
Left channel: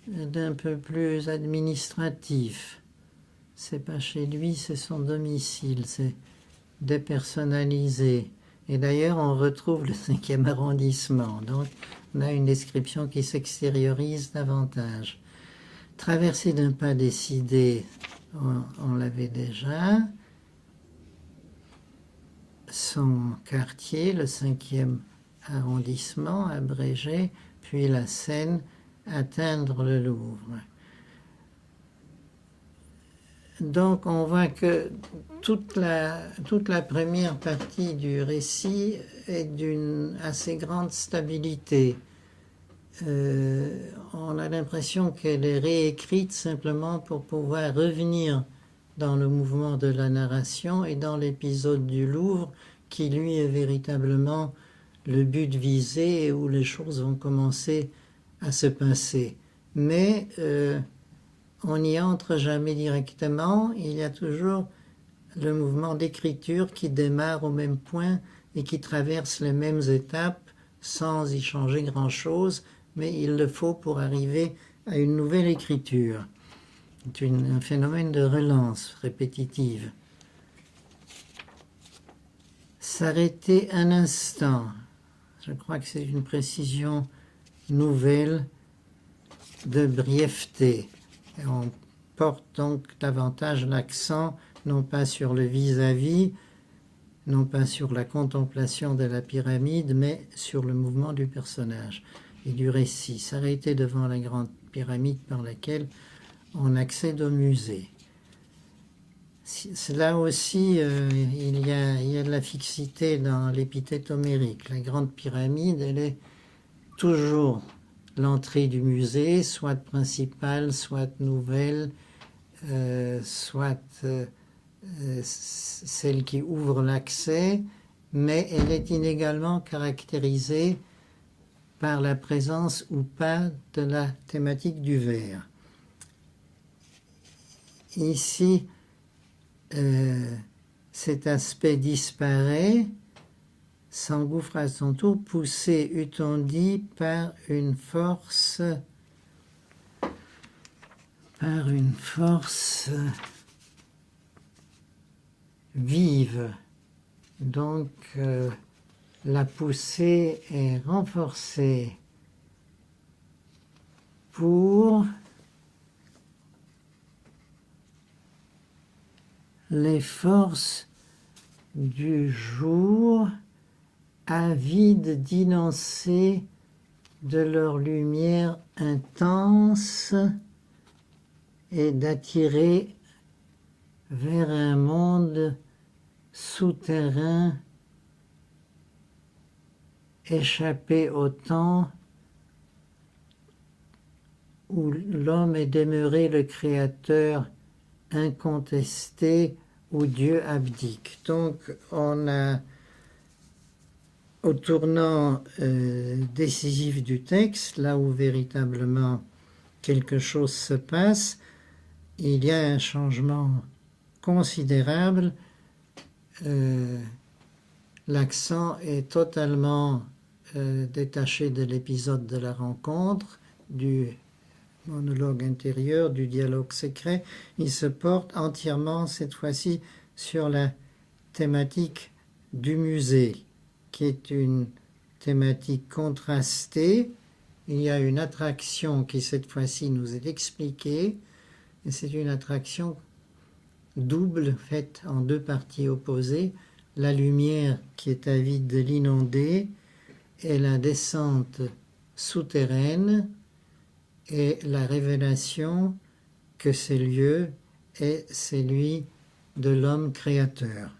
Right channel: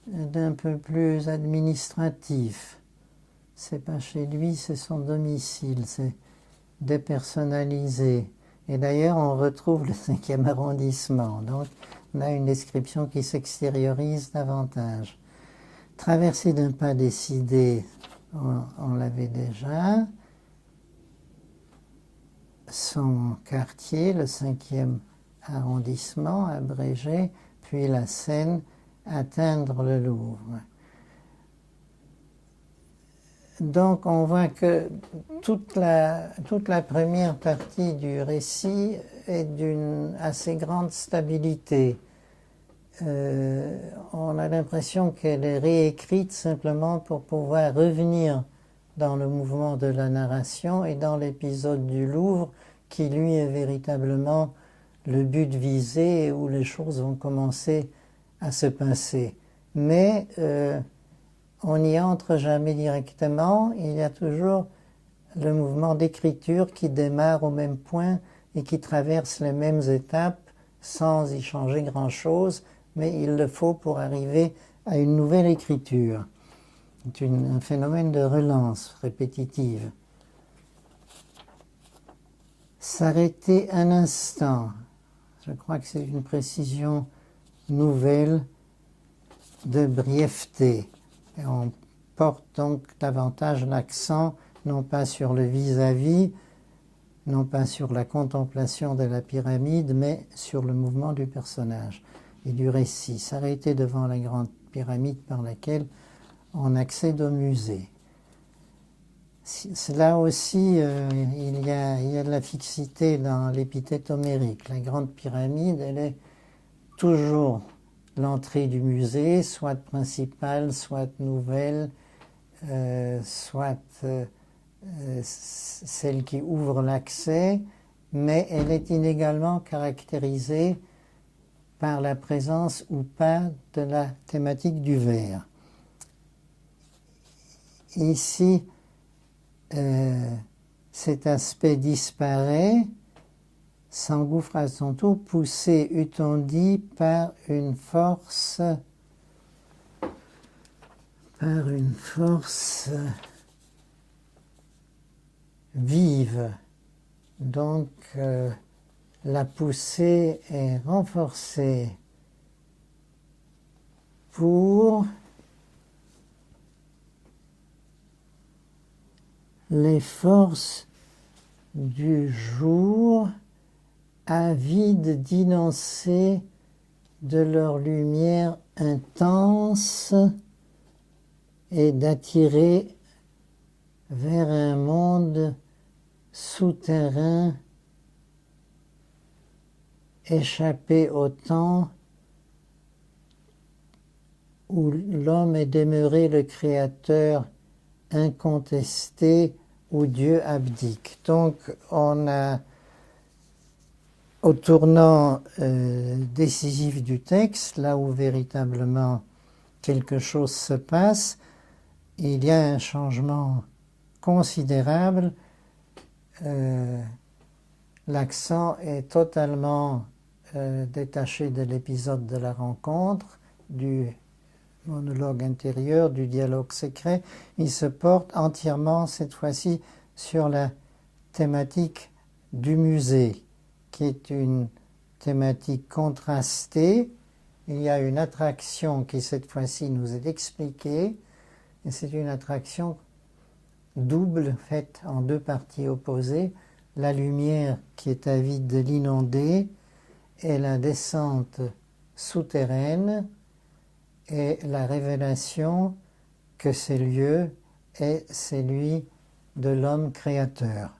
d'un peu plus administratif. C'est pas chez lui, c'est son domicile, c'est dépersonnalisé. Et d'ailleurs, on retrouve le 5e arrondissement. Donc, on a une description qui s'extériorise davantage. Traversée d'un pas décidé, on l'avait déjà. Son quartier, le 5e arrondissement, abrégé, puis la Seine, atteindre le Louvre. Donc on voit que toute la première partie du récit est d'une assez grande stabilité. On a l'impression qu'elle est réécrite simplement pour pouvoir revenir dans le mouvement de la narration et dans l'épisode du Louvre qui lui est véritablement le but visé et où les choses vont commencer à se passer. Mais on n'y entre jamais directement, il y a toujours le mouvement d'écriture qui démarre au même point et qui traverse les mêmes étapes sans y changer grand-chose, mais il le faut pour arriver à une nouvelle écriture. C'est un phénomène de relance répétitive. S'arrêter un instant, je crois que c'est une précision nouvelle de brièveté. Et on porte donc davantage l'accent non pas sur le vis-à-vis, non pas sur la contemplation de la pyramide, mais sur le mouvement du personnage et du récit. S'arrêter devant la grande pyramide par laquelle on accède au musée. Là aussi, il y a de la fixité dans l'épithète homérique. La grande pyramide, elle est toujours l'entrée du musée, soit principale, soit nouvelle, soit celle qui ouvre l'accès, mais elle est inégalement caractérisée par la présence ou pas de la thématique du verre. Ici, cet aspect disparaît, s'engouffre à son tour, poussé, eût-on dit, par une force vive. Donc, la poussée est renforcée pour les forces du jour, avides d'énoncer de leur lumière intense et d'attirer vers un monde souterrain échappé au temps où l'homme est demeuré le créateur incontesté, où Dieu abdique. Donc on a, au tournant décisif du texte, là où véritablement quelque chose se passe, il y a un changement considérable. L'accent est totalement détaché de l'épisode de la rencontre, du monologue intérieur, du dialogue secret. Il se porte entièrement, cette fois-ci, sur la thématique du musée, qui est une thématique contrastée. Il y a une attraction qui, cette fois-ci, nous est expliquée, et c'est une attraction double, faite en deux parties opposées, la lumière qui est avide de l'inondé et la descente souterraine et la révélation que ce lieu est celui de l'homme créateur.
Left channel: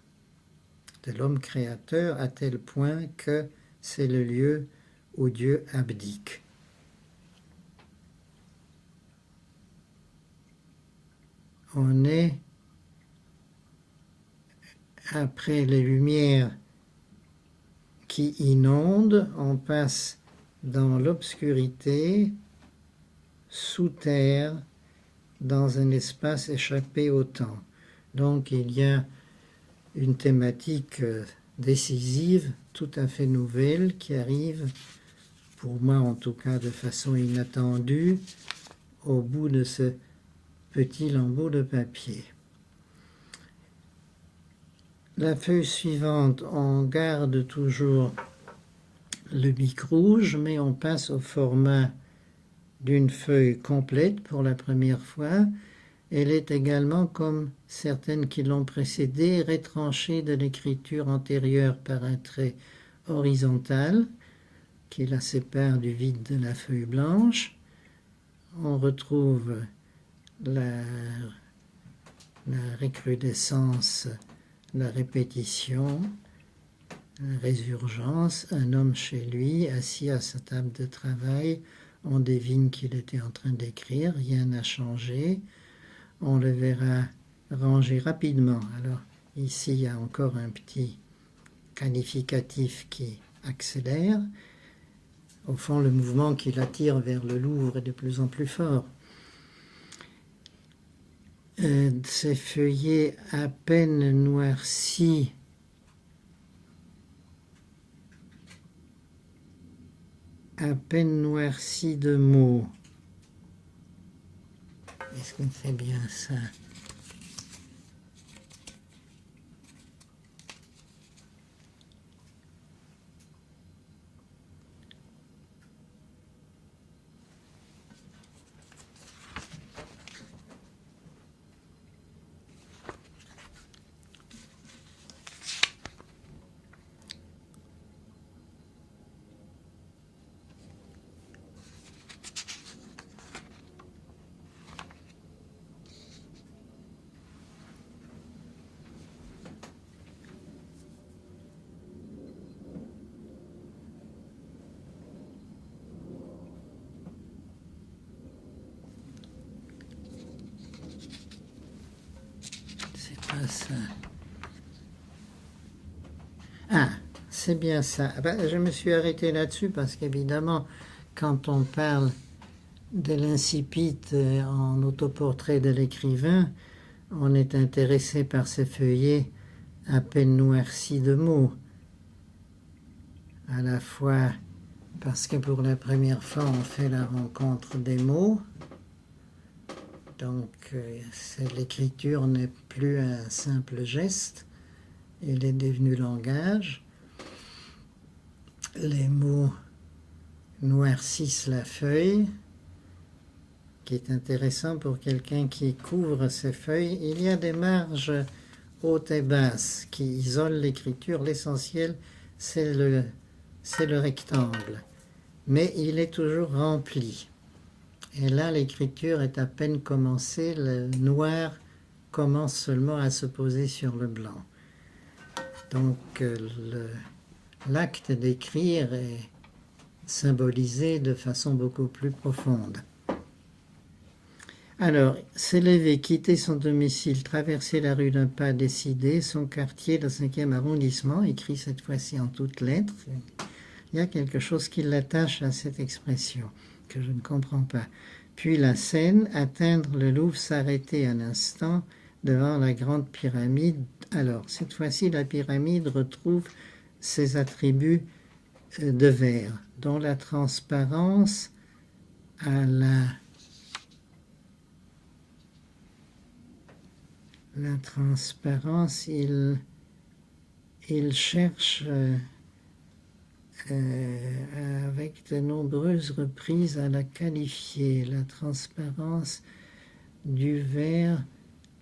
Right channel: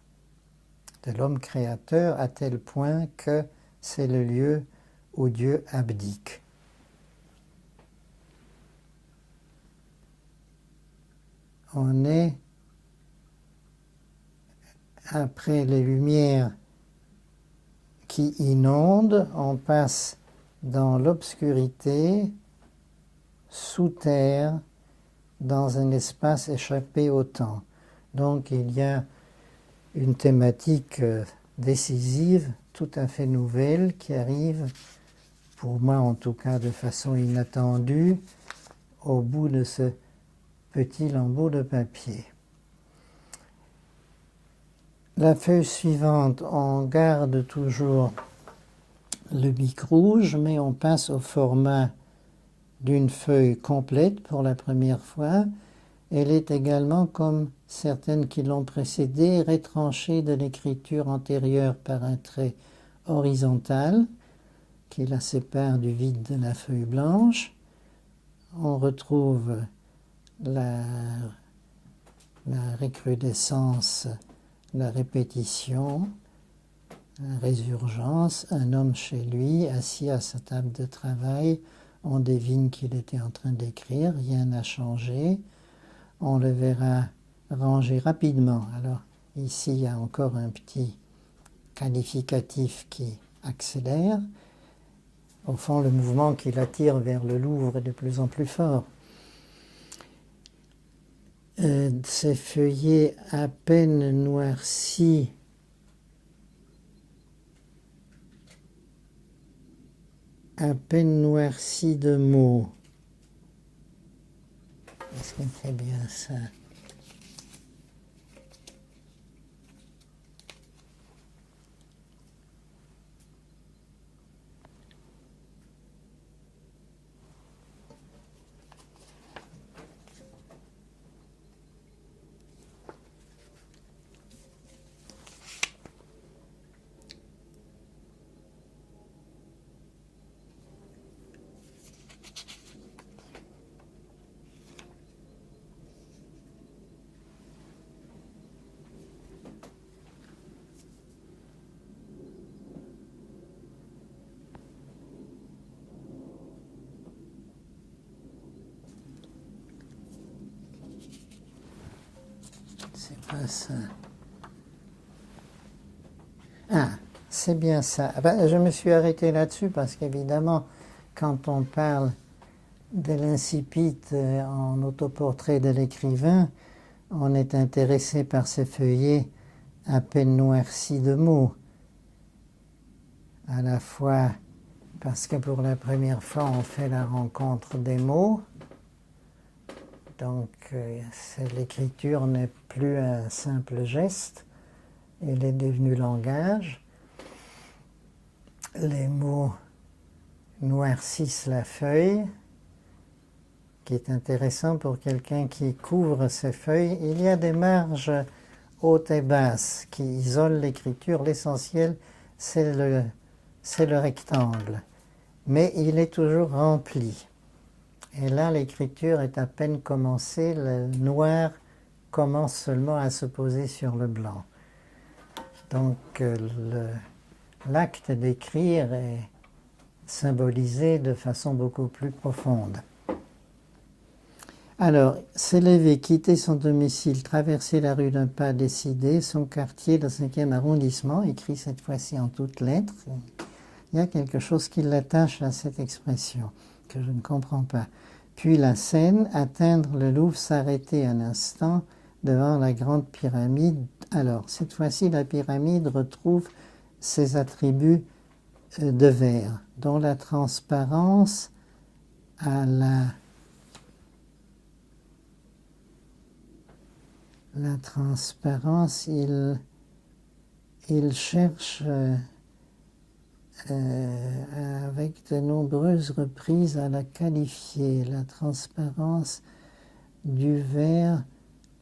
De l'homme créateur à tel point que c'est le lieu où Dieu abdique. On est après les lumières qui inondent, on passe dans l'obscurité, sous terre, dans un espace échappé au temps. Donc il y a une thématique décisive, tout à fait nouvelle, qui arrive, pour moi en tout cas de façon inattendue, au bout de ce petit lambeau de papier. La feuille suivante, on garde toujours le bic rouge, mais on passe au format d'une feuille complète pour la première fois. Elle est également, comme certaines qui l'ont précédée, rétranchée de l'écriture antérieure par un trait horizontal qui la sépare du vide de la feuille blanche. On retrouve la recrudescence, la répétition, la résurgence, un homme chez lui, assis à sa table de travail. On devine qu'il était en train d'écrire, rien n'a changé. On le verra ranger rapidement. Alors ici, il y a encore un petit qualificatif qui accélère. Au fond, le mouvement qui l'attire vers le Louvre est de plus en plus fort. Ces feuillets à peine noircis de mots. Est-ce qu'il fait bien ça? Ça. Ah, c'est bien ça. Je me suis arrêté là-dessus parce qu'évidemment, quand on parle de l'incipit en autoportrait de l'écrivain, on est intéressé par ces feuillets à peine noircis de mots. À la fois parce que pour la première fois, on fait la rencontre des mots. Donc, l'écriture n'est plus un simple geste, elle est devenue langage. Les mots noircissent la feuille, qui est intéressant pour quelqu'un qui couvre ces feuilles. Il y a des marges hautes et basses qui isolent l'écriture. L'essentiel, c'est le rectangle, mais il est toujours rempli. Et là, l'écriture est à peine commencée, le noir commence seulement à se poser sur le blanc. Donc, l'acte d'écrire est symbolisé de façon beaucoup plus profonde. Alors, s'élever, quitter son domicile, traverser la rue d'un pas décidé, son quartier, le 5e arrondissement, écrit cette fois-ci en toutes lettres. Il y a quelque chose qui l'attache à cette expression que je ne comprends pas. Puis la Seine, atteindre le Louvre, s'arrêter un instant devant la grande pyramide. Alors, cette fois-ci, la pyramide retrouve ses attributs de verre, dont la transparence à la transparence, il cherche avec de nombreuses reprises à la qualifier. La transparence du verre,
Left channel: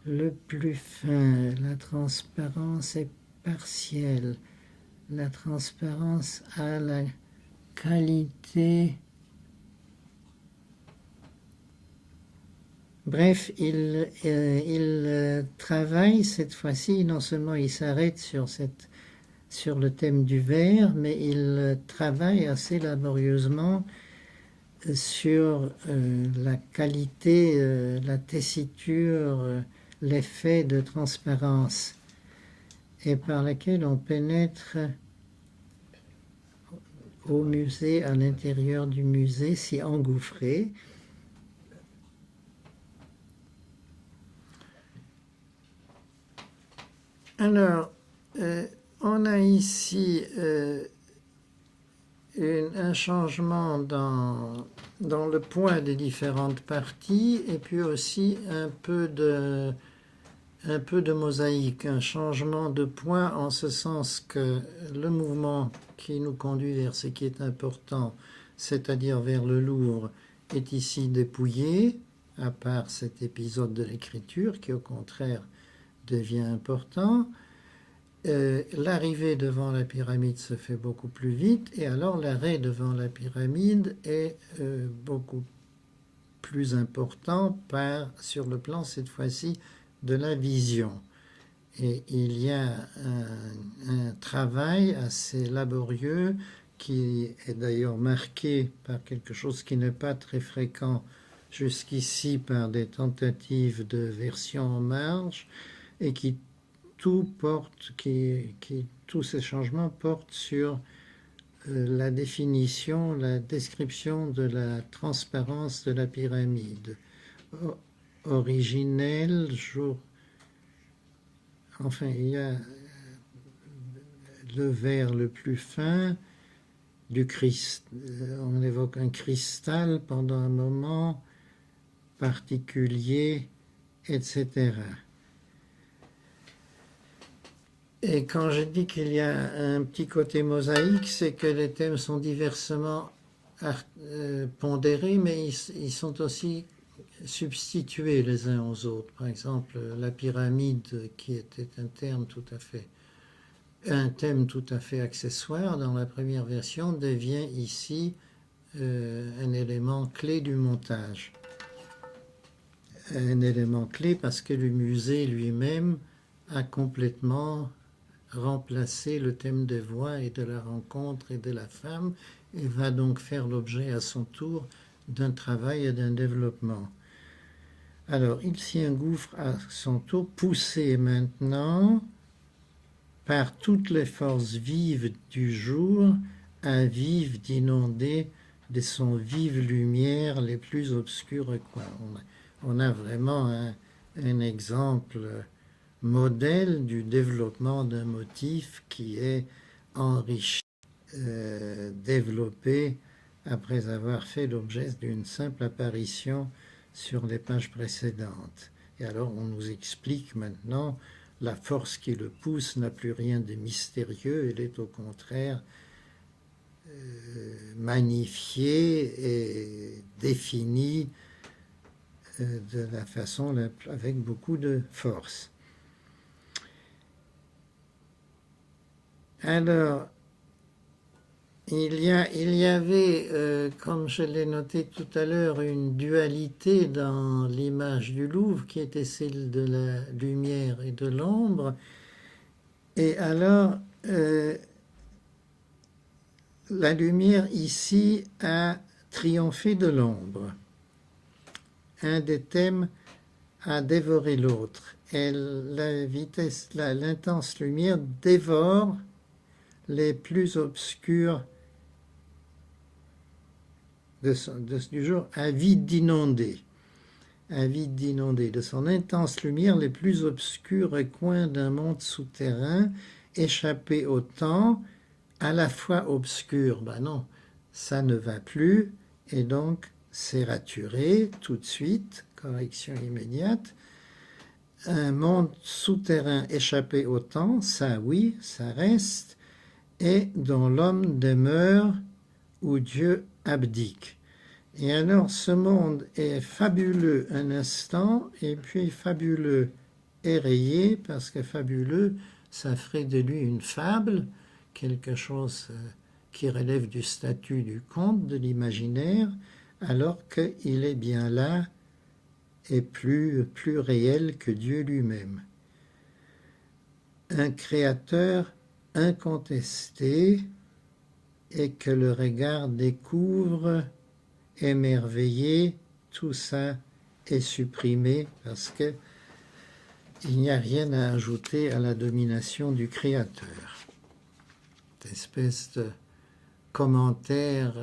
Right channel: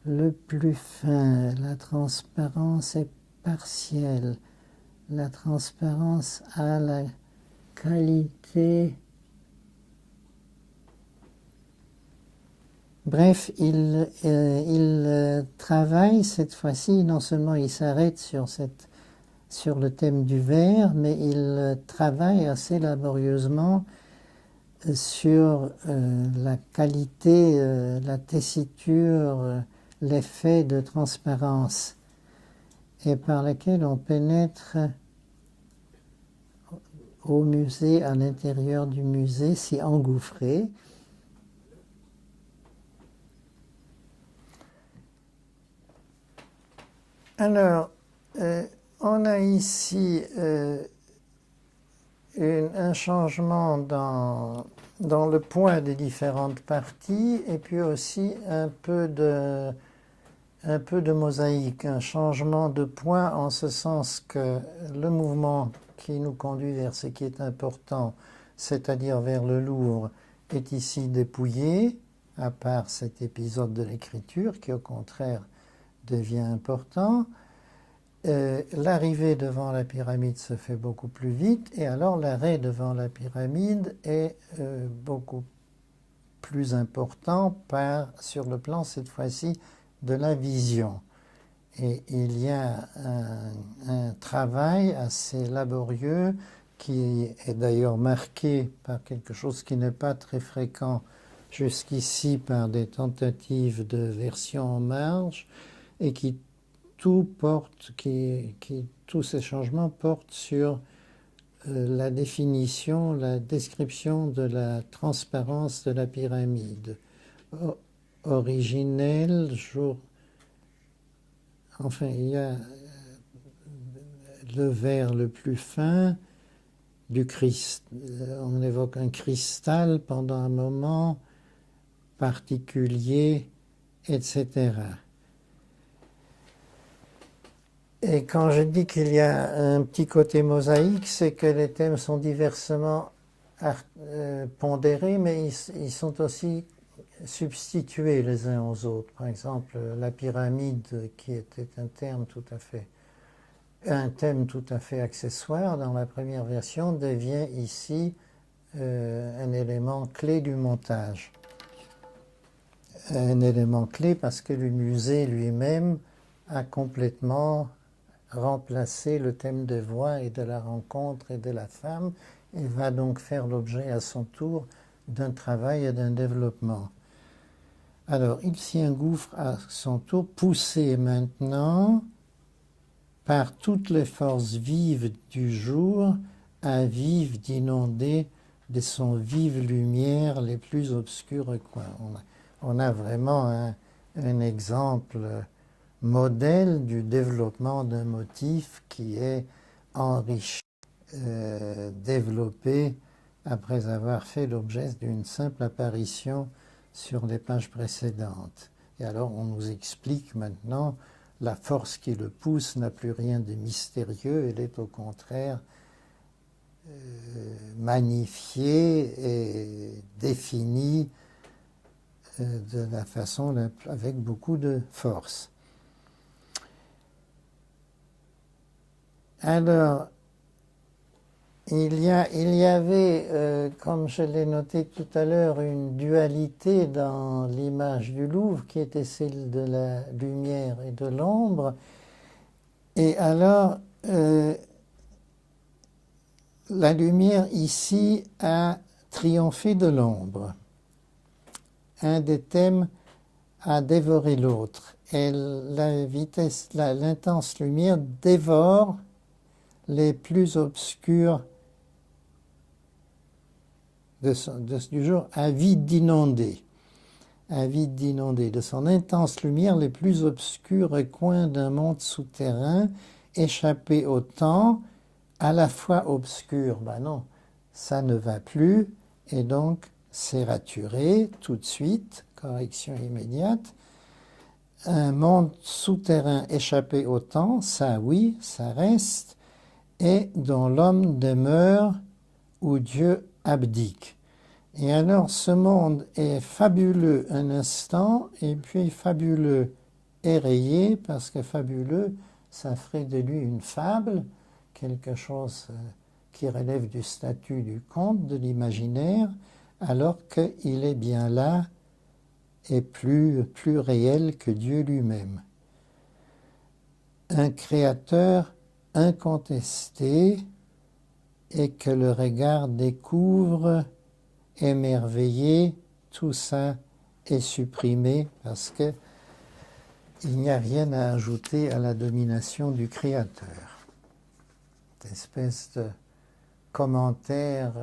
le plus fin. La transparence est partielle. La transparence a la qualité. Bref, il travaille cette fois-ci, non seulement il s'arrête sur le thème du vers, mais il travaille assez laborieusement sur la qualité, la tessiture, l'effet de transparence, et par lequel on pénètre au musée, à l'intérieur du musée, s'y engouffrer. Alors, on a ici un changement dans le point des différentes parties, et puis aussi un peu de mosaïque, un changement de point en ce sens que le mouvement qui nous conduit vers ce qui est important, c'est-à-dire vers le Louvre, est ici dépouillé, à part cet épisode de l'écriture qui au contraire devient important. L'arrivée devant la pyramide se fait beaucoup plus vite, et alors l'arrêt devant la pyramide est beaucoup plus important sur le plan cette fois-ci de la vision. Et il y a un travail assez laborieux qui est d'ailleurs marqué par quelque chose qui n'est pas très fréquent jusqu'ici, par des tentatives de version en marge, et tous ces changements portent sur la définition, la description de la transparence de la pyramide. Originelle, enfin, il y a le verre le plus fin, on évoque un cristal pendant un moment particulier, etc. Et quand je dis qu'il y a un petit côté mosaïque, c'est que les thèmes sont diversement pondérés, mais ils sont aussi substitués les uns aux autres. Par exemple, la pyramide, qui était un thème tout à fait accessoire dans la première version, devient ici un élément clé du montage. Un élément clé parce que le musée lui-même a complètement remplacé le thème des voix et de la rencontre et de la femme, et va donc faire l'objet à son tour d'un travail et d'un développement. Alors, il s'y engouffre à son tour, poussé maintenant par toutes les forces vives du jour, avives d'inonder de son vive lumière les plus obscurs coins. On a vraiment un exemple modèle du développement d'un motif qui est enrichi, développé après avoir fait l'objet d'une simple apparition sur les pages précédentes. Et alors on nous explique maintenant la force qui le pousse n'a plus rien de mystérieux, elle est au contraire magnifiée et définie de la façon avec beaucoup de force. Alors, il y avait, comme je l'ai noté tout à l'heure, une dualité dans l'image du Louvre qui était celle de la lumière et de l'ombre. Et alors, la lumière ici a triomphé de l'ombre. Un des thèmes a dévoré l'autre. Et l'intense lumière dévore les plus obscurs du jour, avide d'inonder. Avide d'inonder. De son intense lumière, les plus obscurs coins d'un monde souterrain, échappé au temps, à la fois obscur. Ben non, ça ne va plus, et donc c'est raturé tout de suite, correction immédiate. Un monde souterrain échappé au temps, ça oui, ça reste, et dont l'homme demeure où Dieu abdique. Et alors ce monde est fabuleux un instant, et puis fabuleux est rayé parce que fabuleux, ça ferait de lui une fable, quelque chose qui relève du statut du conte, de l'imaginaire, alors qu'il est bien là et plus réel que Dieu lui-même. Un créateur incontesté et que le regard découvre, émerveillé, tout ça est supprimé parce que il n'y a rien à ajouter à la domination du créateur. Cette espèce de commentaire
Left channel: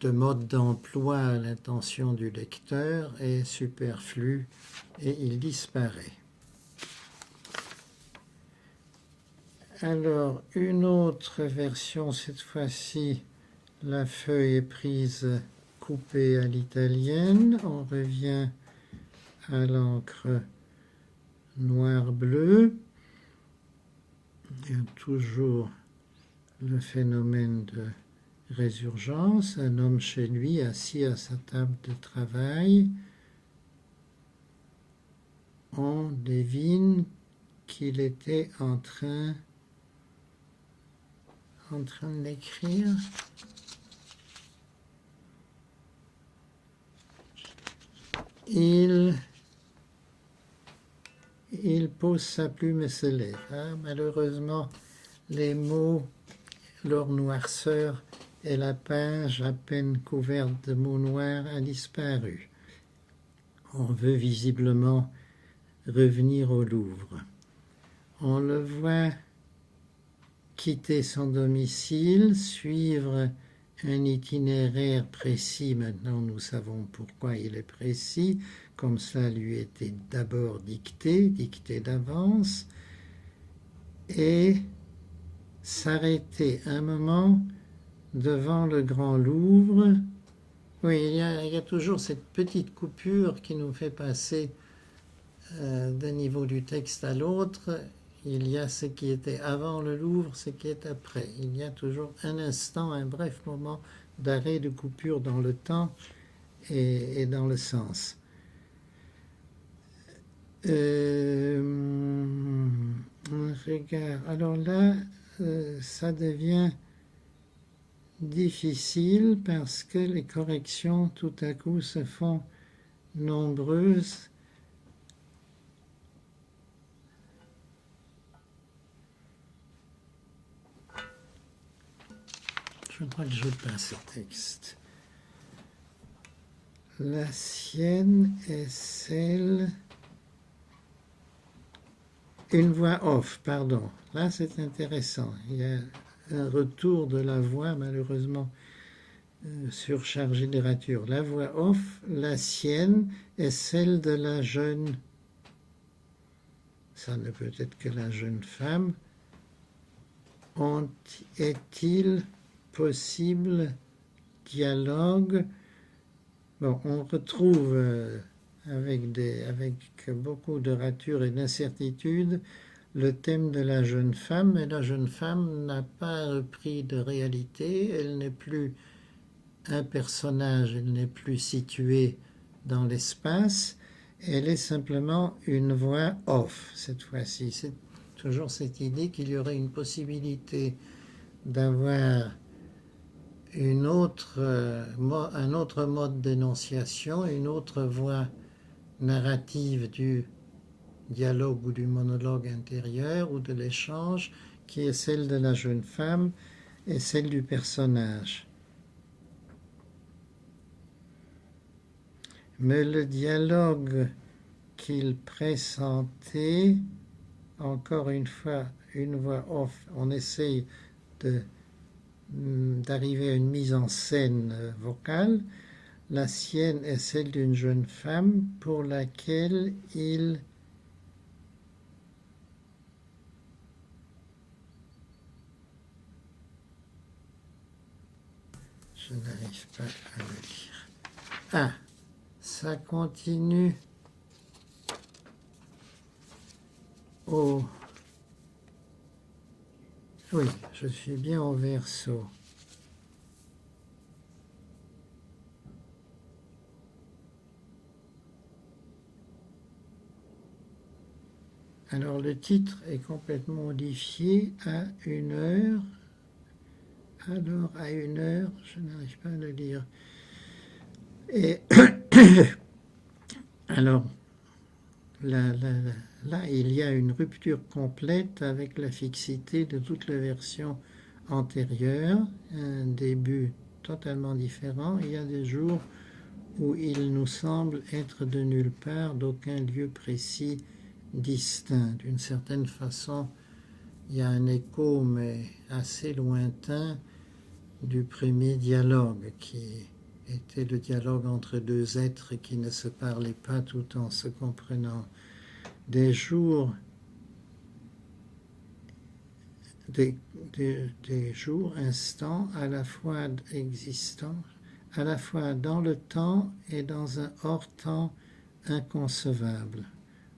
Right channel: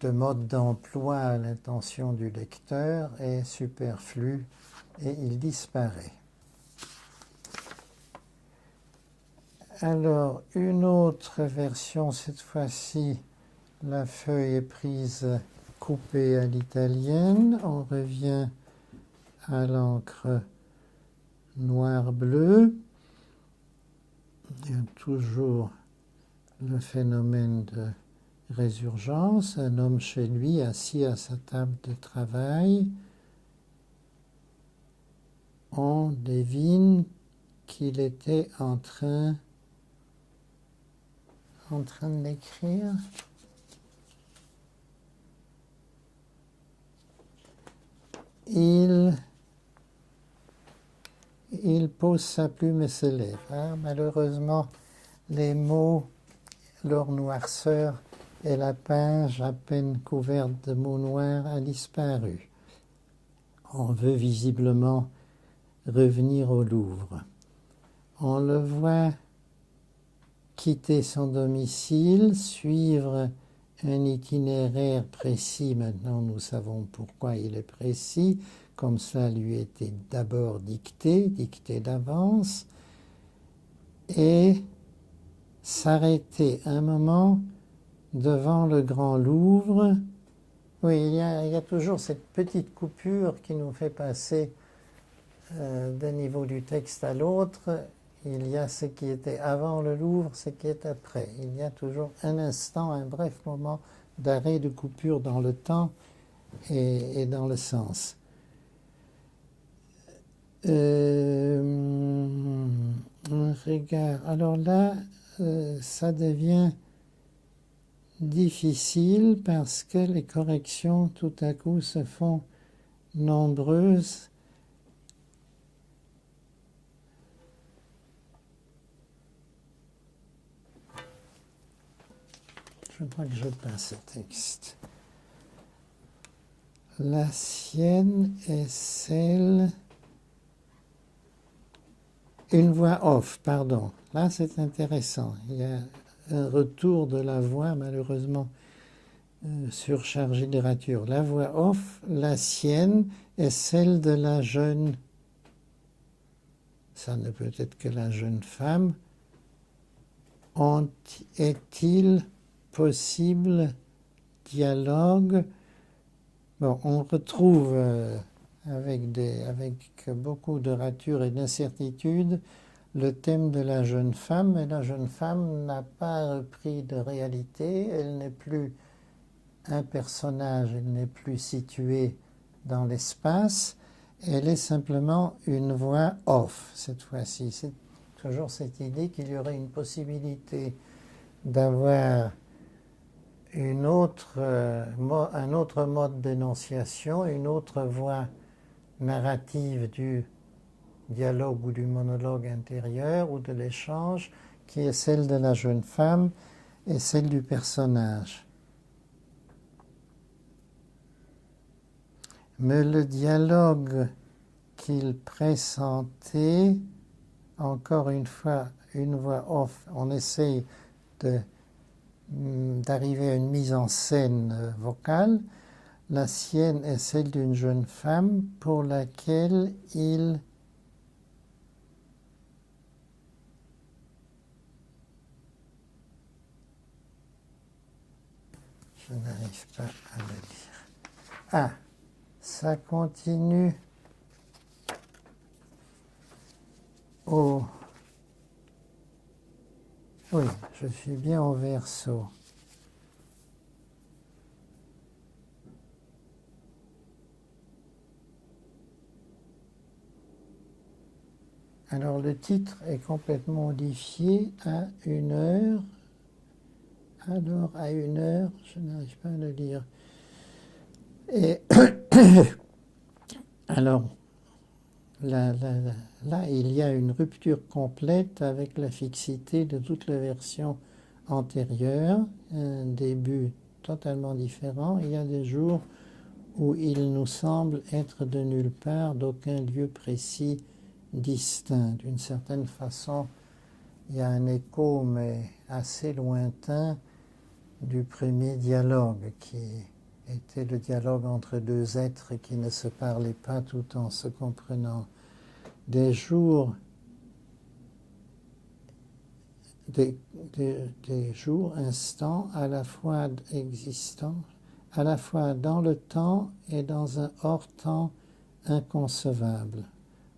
de mode d'emploi à l'intention du lecteur est superflu et il disparaît. Alors, une autre version, cette fois-ci, la feuille est prise coupée à l'italienne. On revient à l'encre noir-bleu. Il y a toujours le phénomène de résurgence. Un homme chez lui, assis à sa table de travail. On devine qu'il était en train d'écrire. Il pose sa plume et se lève. Malheureusement, les mots, leur noirceur et la page à peine couverte de mots noirs a disparu. On veut visiblement revenir au Louvre. On le voit quitter son domicile, suivre un itinéraire précis. Maintenant, nous savons pourquoi il est précis, comme ça lui était d'abord dicté d'avance, et s'arrêter un moment devant le Grand Louvre. Oui, il y a toujours cette petite coupure qui nous fait passer d'un niveau du texte à l'autre. Il y a ce qui était avant le Louvre, ce qui est après. Il y a toujours un instant, un bref moment d'arrêt, de coupure dans le temps et dans le sens. Regarde. Alors là, ça devient difficile parce que les corrections tout à coup se font nombreuses. Je crois que je passe ce texte. La sienne est celle... Une voix off, pardon. Là, c'est intéressant. Il y a un retour de la voix, malheureusement, surchargée de rature. La voix off, la sienne, est celle de la jeune... Ça ne peut être que la jeune femme. Est-il possible dialogue? Bon, on retrouve avec beaucoup de rature et d'incertitude le thème de la jeune femme, mais la jeune femme n'a pas repris de réalité, elle n'est plus un personnage, elle n'est plus située dans l'espace, elle est simplement une voix off cette fois-ci. C'est toujours cette idée qu'il y aurait une possibilité d'avoir un autre mode d'énonciation, une autre voix narrative du dialogue ou du monologue intérieur ou de l'échange, qui est celle de la jeune femme et celle du personnage. Mais le dialogue qu'il pressentait, encore une fois, une voix off, on essaye d'arriver à une mise en scène vocale. La sienne est celle d'une jeune femme pour laquelle il je n'arrive pas à le lire. Ah, ça continue au... Oui, je suis bien au verso. Alors le titre est complètement modifié à 1h. Alors à 1h, je n'arrive pas à le lire. Et alors là, il y a une rupture complète avec la fixité de toutes les versions antérieures, un début totalement différent. Il y a des jours où il nous semble être de nulle part, d'aucun lieu précis distinct. D'une certaine façon, il y a un écho, mais assez lointain, du premier dialogue, qui était le dialogue entre deux êtres qui ne se parlaient pas tout en se comprenant. Des jours instants, à la fois existants, à la fois dans le temps et dans un hors-temps inconcevable.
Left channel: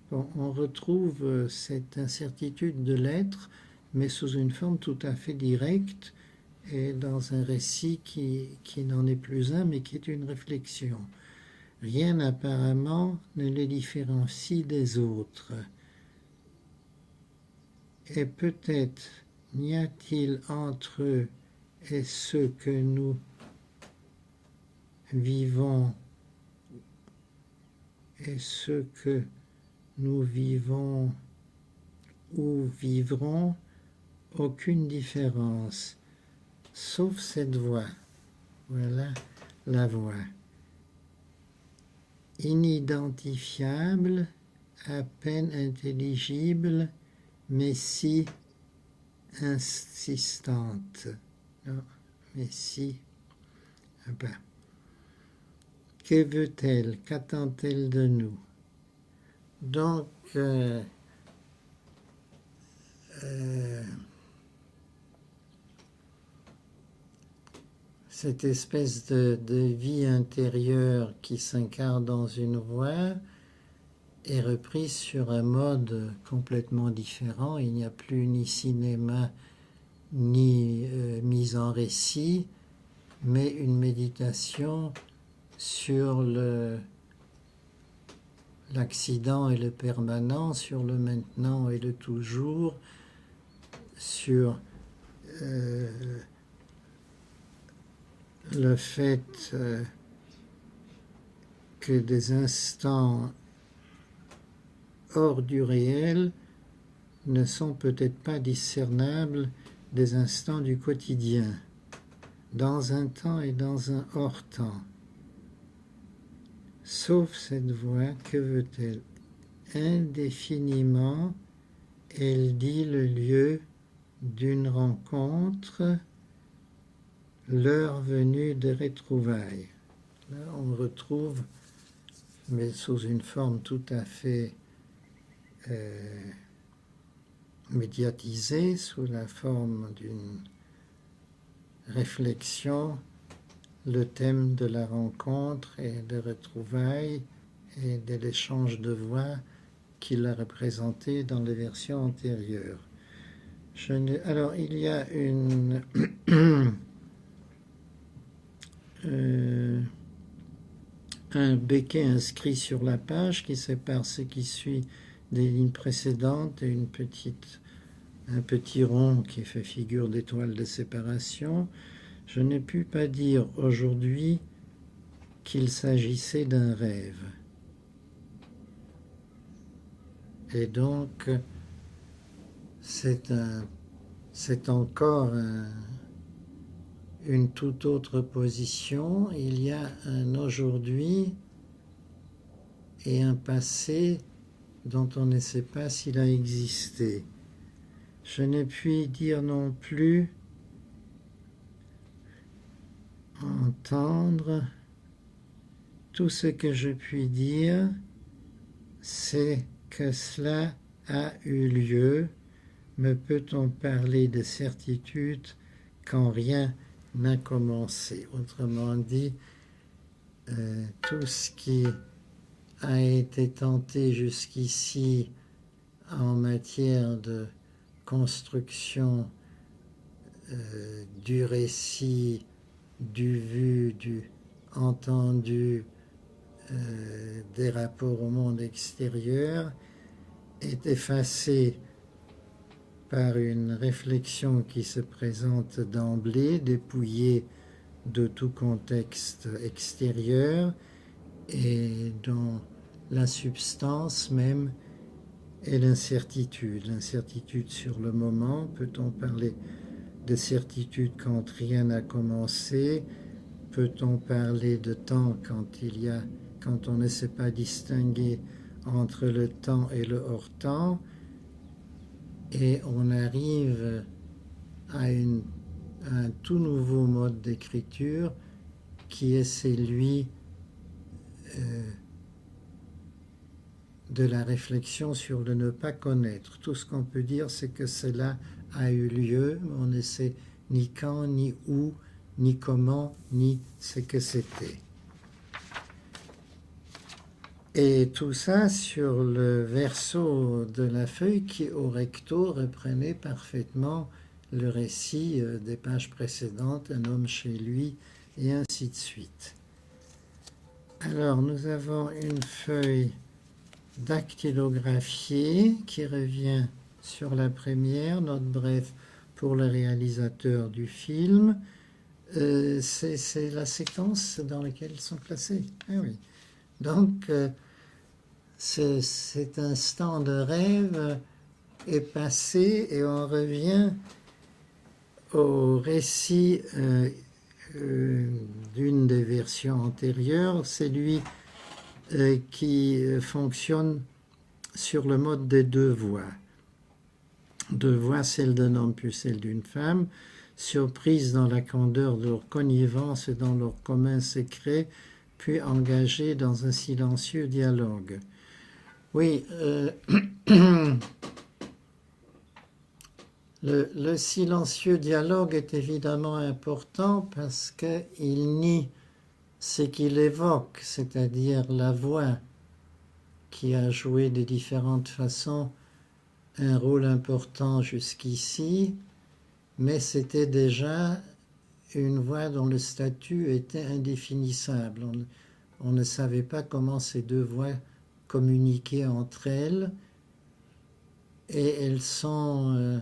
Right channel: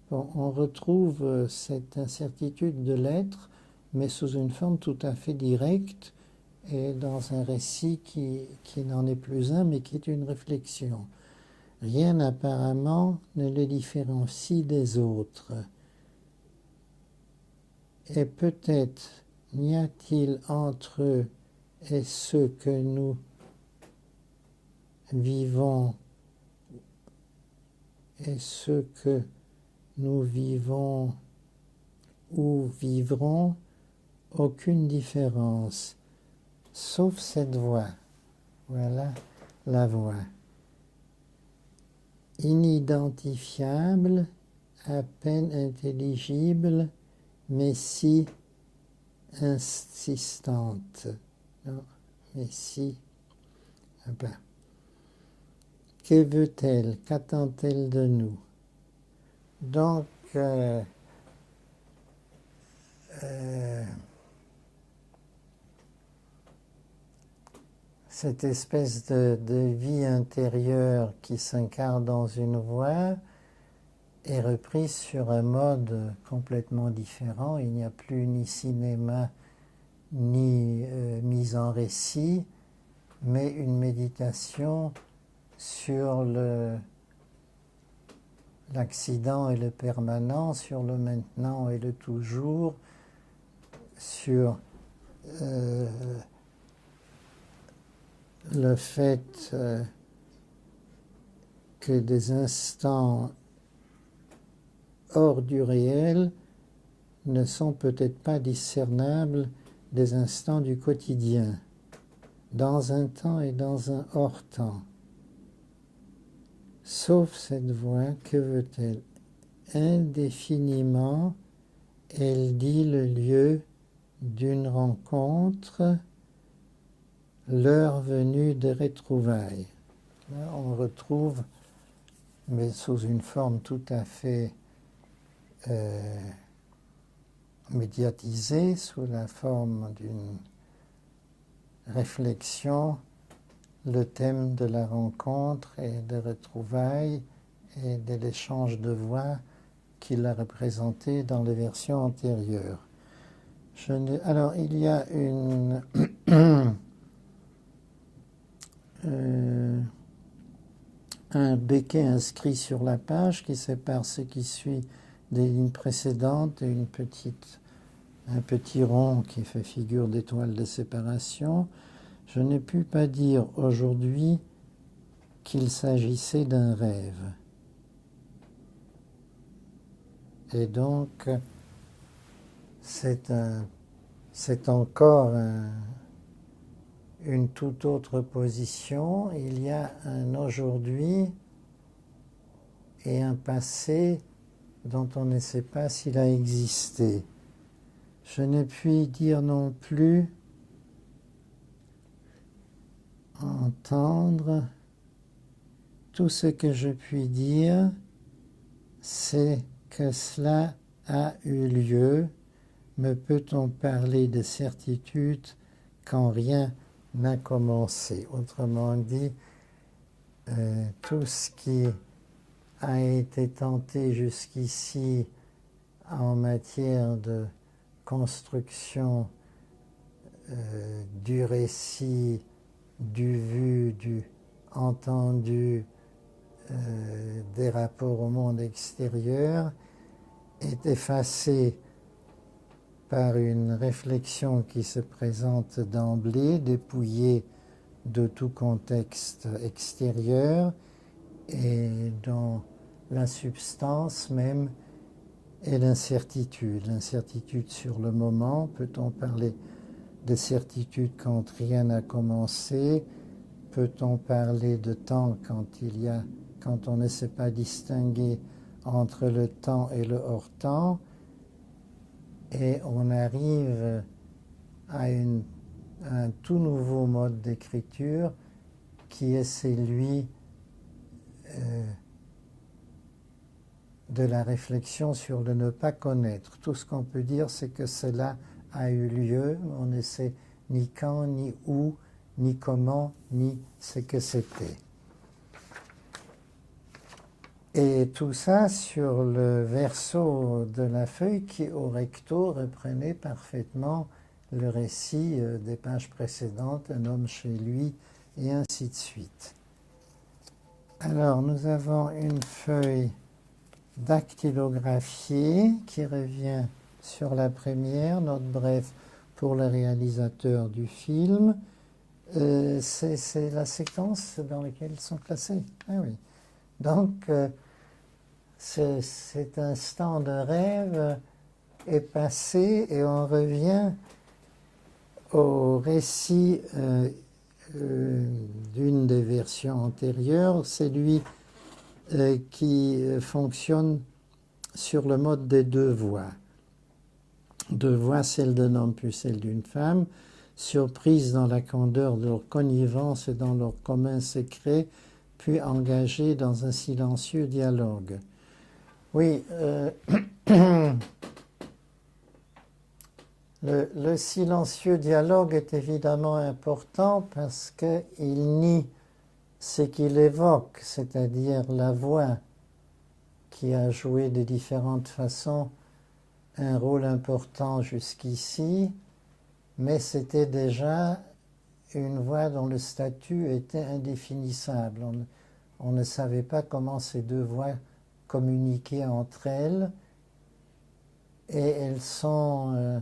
Bon, on retrouve cette incertitude de l'être, mais sous une forme tout à fait directe et dans un récit qui n'en est plus un, mais qui est une réflexion. Rien apparemment ne les différencie des autres. Et peut-être n'y a-t-il entre eux et ce que nous vivons et ce que nous vivons ou vivrons aucune différence, sauf cette voix. Voilà la voix. Inidentifiable, à peine intelligible, mais si insistante. Non, mais si. Ben. Que veut-elle? Qu'attend-elle de nous? Donc, cette espèce de vie intérieure qui s'incarne dans une voix est reprise sur un mode complètement différent. Il n'y a plus ni cinéma, ni mise en récit, mais une méditation sur l'accident et le permanent, sur le maintenant et le toujours, sur le fait que des instants hors du réel ne sont peut-être pas discernables des instants du quotidien, dans un temps et dans un hors-temps. Sauf cette voix, que veut-elle? Indéfiniment, elle dit le lieu d'une rencontre, l'heure venue des retrouvailles. Là, on retrouve, mais sous une forme tout à fait médiatisée, sous la forme d'une réflexion, le thème de la rencontre et des retrouvailles et de l'échange de voix qu'il a représenté dans les versions antérieures. Alors, il y a un béquet inscrit sur la page qui sépare ce qui suit des lignes précédentes et un petit rond qui fait figure d'étoile de séparation. Je n'ai pu pas dire aujourd'hui qu'il s'agissait d'un rêve. Et donc, c'est encore une toute autre position. Il y a un aujourd'hui et un passé dont on ne sait pas s'il a existé. Je ne puis dire non plus entendre. Tout ce que je puis dire, c'est que cela a eu lieu. Me peut-on parler de certitude quand rien n'a commencé? Autrement dit, tout ce qui a été tenté jusqu'ici en matière de construction du récit, du vu, du entendu, des rapports au monde extérieur, est effacée par une réflexion qui se présente d'emblée, dépouillée de tout contexte extérieur et dont la substance même est l'incertitude. L'incertitude sur le moment, peut-on parler de certitude quand rien n'a commencé? Peut-on parler de temps quand on ne sait pas distinguer entre le temps et le hors-temps? Et on arrive à un tout nouveau mode d'écriture qui est celui de la réflexion sur le ne pas connaître. Tout ce qu'on peut dire, c'est que cela a eu lieu, mais on ne sait ni quand, ni où, ni comment, ni ce que c'était. Et tout ça sur le verso de la feuille qui, au recto, reprenait parfaitement le récit des pages précédentes, un homme chez lui, et ainsi de suite. Alors, nous avons une feuille dactylographiée qui revient sur la première, note brève pour le réalisateur du film. C'est la séquence dans laquelle ils sont placés. Ah oui. Donc, cet instant de rêve est passé et on revient au récit d'une des versions antérieures, celui qui fonctionne sur le mode des deux voix. Deux voix, celle d'un homme puis celle d'une femme, surprises dans la candeur de leur connivence et dans leur commun secret, puis engagées dans un silencieux dialogue. Oui, le silencieux dialogue est évidemment important parce qu'il nie ce qu'il évoque, c'est-à-dire la voix qui a joué de différentes façons un rôle important jusqu'ici, mais c'était déjà une voix dont le statut était indéfinissable. On ne savait pas comment ces deux voix communiquaient entre elles, et elles sont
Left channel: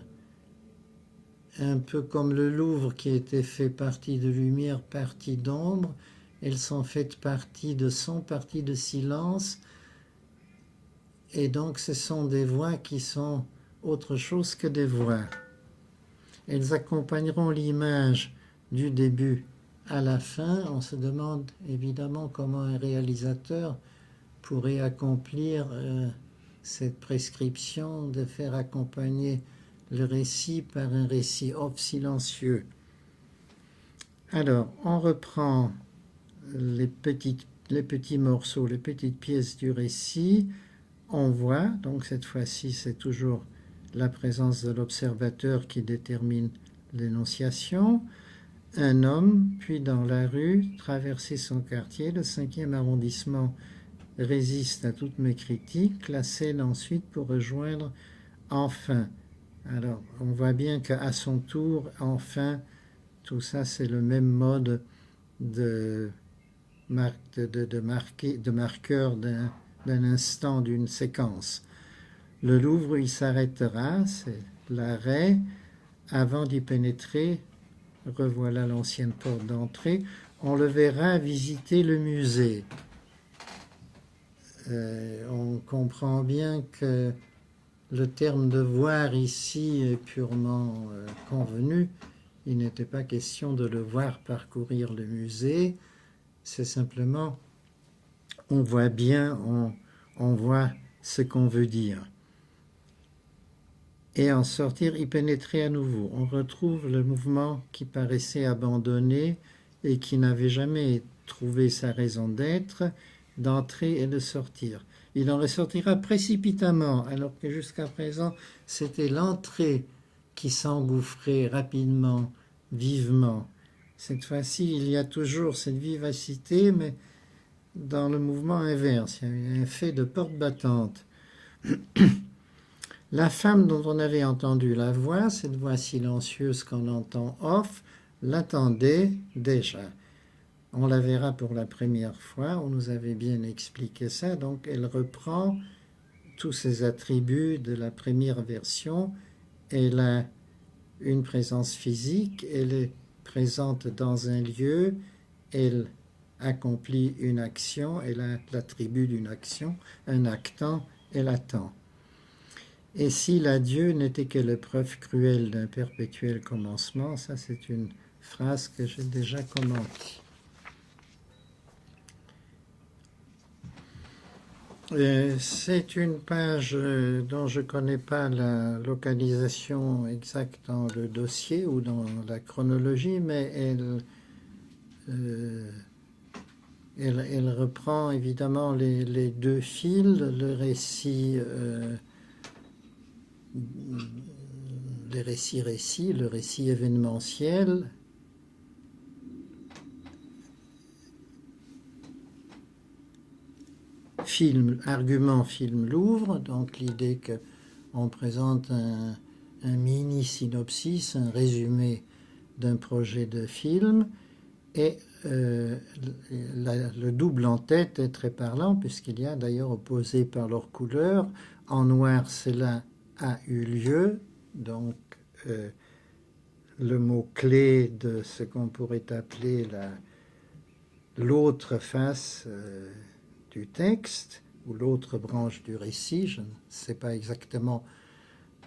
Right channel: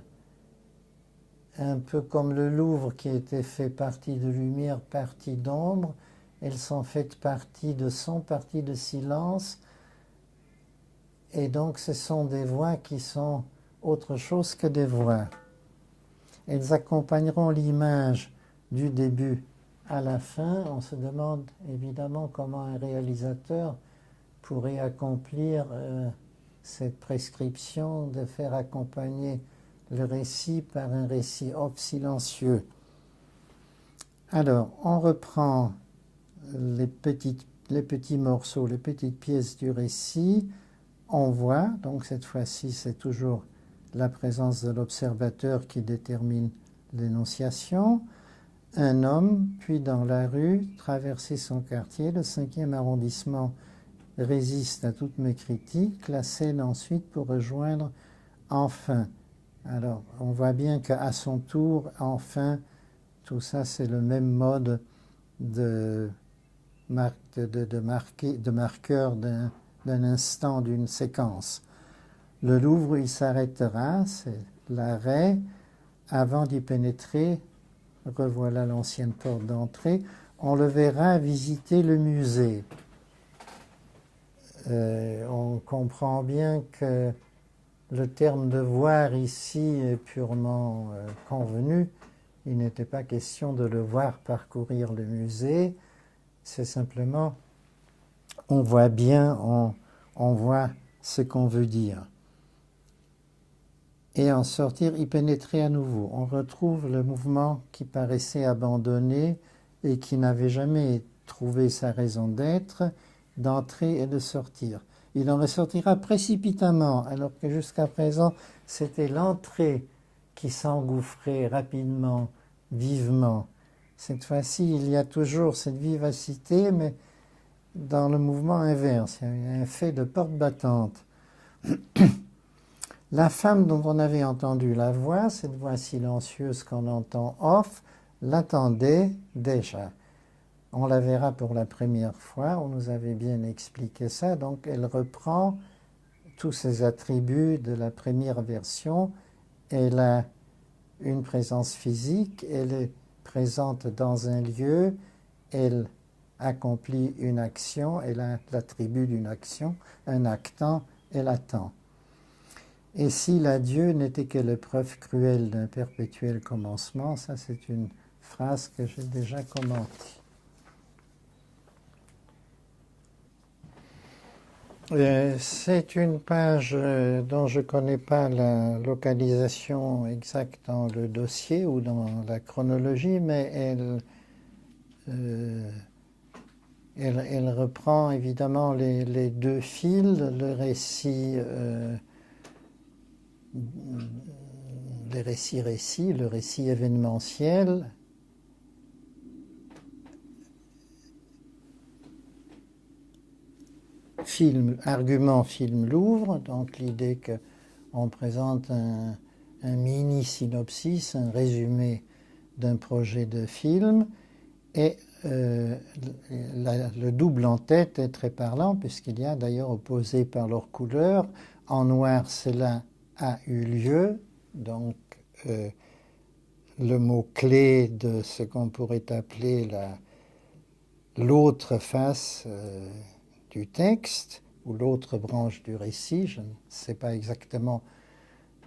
un peu comme le Louvre qui était fait partie de lumière, partie d'ombre. Elles sont faites partie de son, partie de silence, et donc ce sont des voix qui sont autre chose que des voix. Elles accompagneront l'image du début à la fin. On se demande évidemment comment un réalisateur pourrait accomplir cette prescription de faire accompagner le récit par un récit silencieux. Alors, on reprend les petits morceaux, les petites pièces du récit. On voit, donc cette fois-ci, c'est toujours la présence de l'observateur qui détermine l'énonciation. Un homme, puis dans la rue, traverser son quartier, le 5e arrondissement résiste à toutes mes critiques, la scène ensuite pour rejoindre enfin. Alors, on voit bien qu'à son tour, enfin, tout ça, c'est le même mode de marqueur d'un instant, d'une séquence. Le Louvre, il s'arrêtera, c'est l'arrêt. Avant d'y pénétrer, revoilà l'ancienne porte d'entrée, on le verra visiter le musée. On comprend bien que le terme de voir ici est purement convenu. Il n'était pas question de le voir parcourir le musée. C'est simplement, on voit bien, on voit ce qu'on veut dire. Et en sortir, y pénétrer à nouveau. On retrouve le mouvement qui paraissait abandonné et qui n'avait jamais trouvé sa raison d'être, d'entrer et de sortir. Il en ressortira précipitamment, alors que jusqu'à présent, c'était l'entrée qui s'engouffrait rapidement, vivement. Cette fois-ci, il y a toujours cette vivacité, mais dans le mouvement inverse. Il y a un fait de porte battante. La femme dont on avait entendu la voix, cette voix silencieuse qu'on entend off, l'attendait déjà. On la verra pour la première fois, on nous avait bien expliqué ça, donc elle reprend tous ces attributs de la première version. Elle a une présence physique, elle est présente dans un lieu, elle accomplit une action, elle a l'attribut d'une action, un actant, elle attend. Et si l'adieu n'était que l'épreuve cruelle d'un perpétuel commencement, ça c'est une phrase que j'ai déjà commentée. C'est une page dont je ne connais pas la localisation exacte dans le dossier ou dans la chronologie, mais elle reprend évidemment les deux fils, le récit le récit événementiel, argument film Louvre, donc l'idée qu'on présente un mini-synopsis, un résumé d'un projet de film, et le double en tête est très parlant, puisqu'il y a d'ailleurs opposé par leur couleur, en noir cela a eu lieu, donc le mot-clé de ce qu'on pourrait appeler l'autre face du texte, ou l'autre branche du récit, je ne sais pas exactement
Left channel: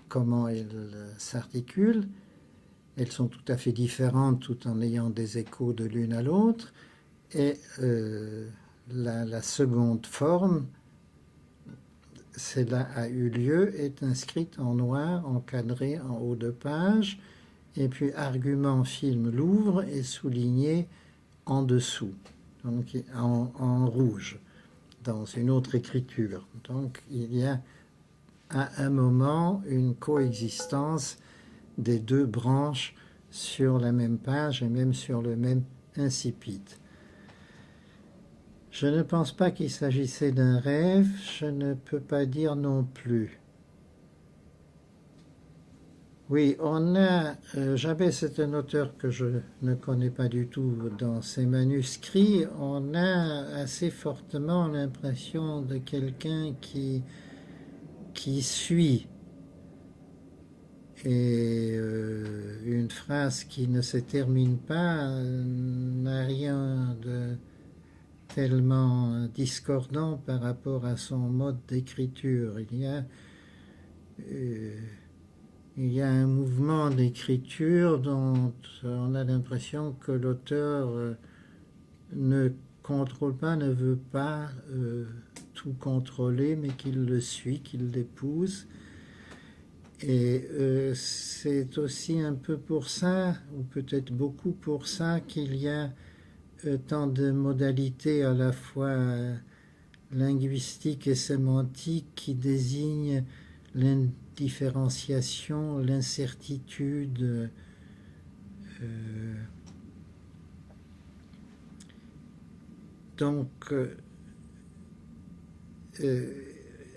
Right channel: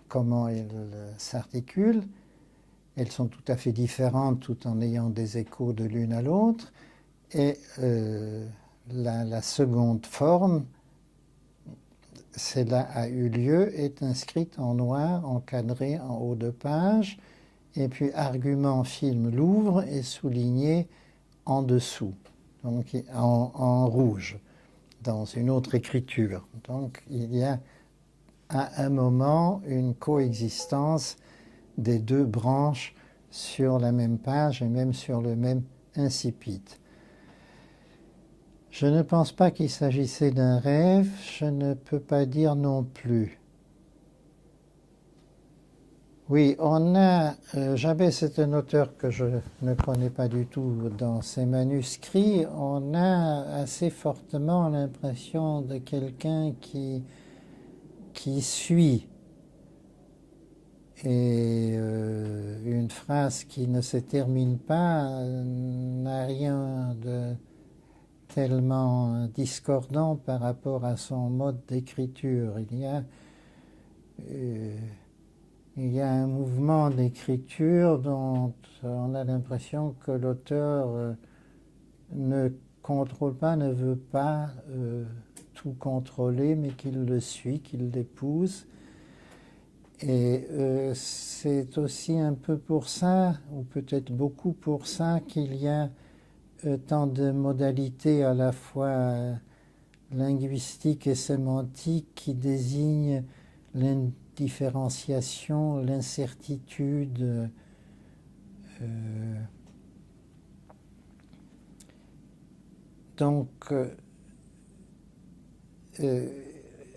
comment elles s'articulent. Elles sont tout à fait différentes tout en ayant des échos de l'une à l'autre. Et la seconde forme, cela a eu lieu, est inscrite en noir, encadrée en haut de page, et puis argument film Louvre est souligné en dessous, donc en rouge, dans une autre écriture. Donc il y a à un moment une coexistence des deux branches sur la même page et même sur le même incipit. Je ne pense pas qu'il s'agissait d'un rêve, je ne peux pas dire non plus. Oui, Jabès c'est un auteur que je ne connais pas du tout dans ses manuscrits. On a assez fortement l'impression de quelqu'un qui suit. Et une phrase qui ne se termine pas n'a rien de tellement discordant par rapport à son mode d'écriture. Il y a un mouvement d'écriture dont on a l'impression que l'auteur ne contrôle pas, ne veut pas tout contrôler, mais qu'il le suit, qu'il l'épouse. Et c'est aussi un peu pour ça, ou peut-être beaucoup pour ça, qu'il y a tant de modalités à la fois linguistiques et sémantiques qui désignent l'indifférenciation, l'incertitude. Donc,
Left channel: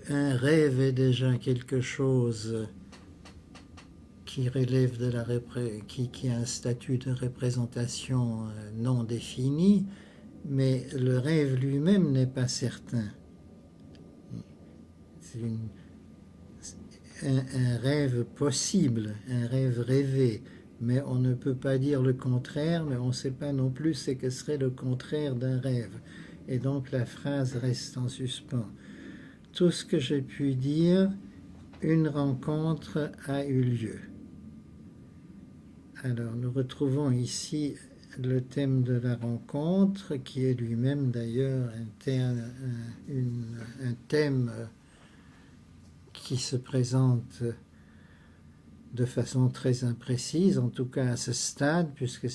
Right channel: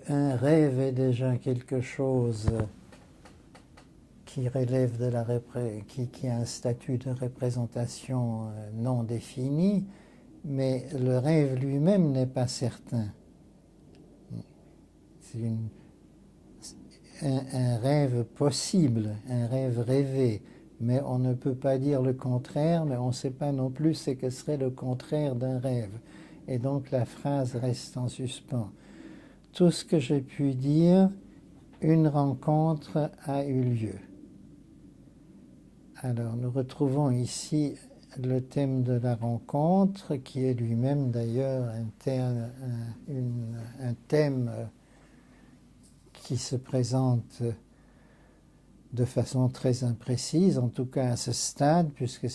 un rêve est déjà quelque chose qui relève de qui a un statut de représentation non défini, mais le rêve lui-même n'est pas certain. C'est un rêve possible, un rêve rêvé, mais on ne peut pas dire le contraire, mais on ne sait pas non plus ce que serait le contraire d'un rêve. Et donc la phrase reste en suspens. Tout ce que j'ai pu dire, une rencontre a eu lieu. Alors, nous retrouvons ici le thème de la rencontre, qui est lui-même d'ailleurs un thème qui se présente de façon très imprécise, en tout cas à ce stade, puisque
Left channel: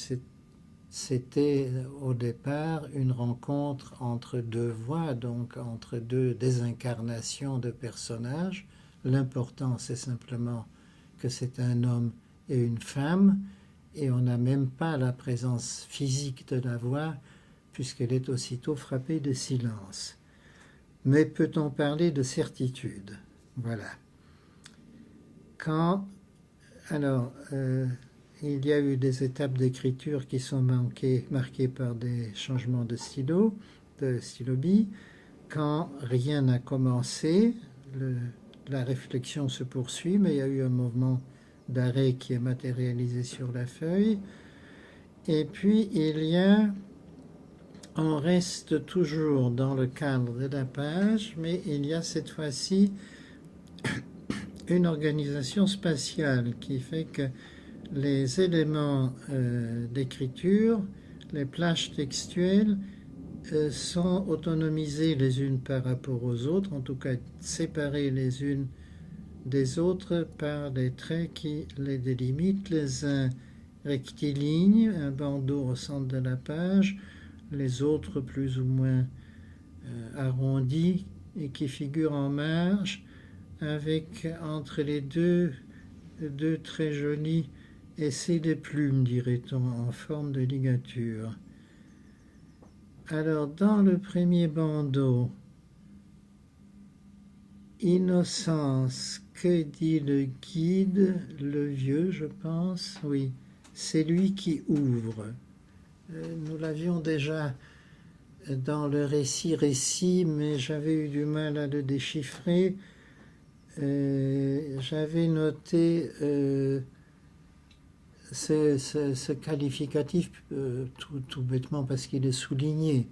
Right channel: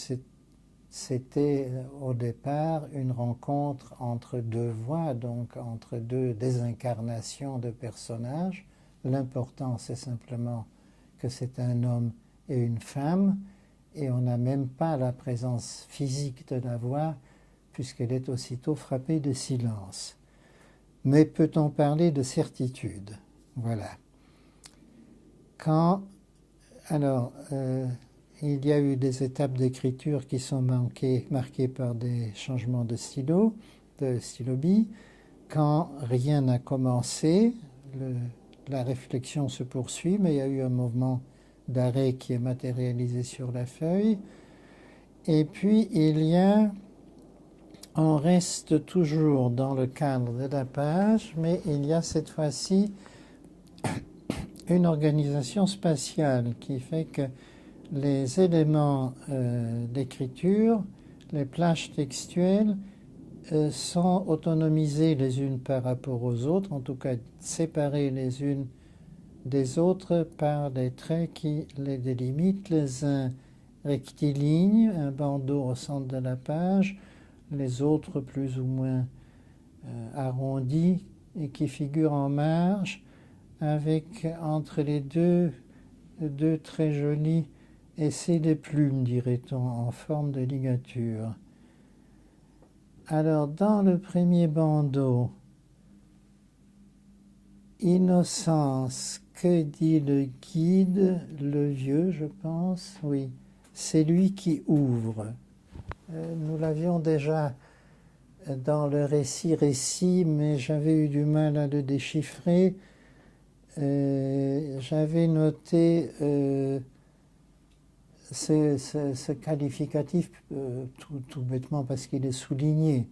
c'était au départ une rencontre entre deux voix, donc entre deux désincarnations de personnages. L'important, c'est simplement que c'est un homme et une femme, et on n'a même pas la présence physique de la voix, puisqu'elle est aussitôt frappée de silence. Mais peut-on parler de certitude? Voilà. Il y a eu des étapes d'écriture qui sont marquées par des changements de stylo, de stylo-bille. Quand rien n'a commencé, la réflexion se poursuit, mais il y a eu un mouvement d'arrêt qui est matérialisé sur la feuille. Et puis on reste toujours dans le cadre de la page, mais il y a cette fois-ci une organisation spatiale qui fait que les éléments d'écriture, les plages textuelles, sont autonomisées les unes par rapport aux autres, en tout cas séparées les unes des autres par des traits qui les délimitent, les uns rectilignes, un bandeau au centre de la page, les autres plus ou moins arrondis et qui figurent en marge, avec entre les deux très jolis essais de plumes, dirait-on, en forme de ligature. Alors, dans le premier bandeau, Innocence, que dit le guide, le vieux, je pense, oui, c'est lui qui ouvre. Nous l'avions déjà dans le récit, mais j'avais eu du mal à le déchiffrer. J'avais noté ce qualificatif tout bêtement parce qu'il est souligné.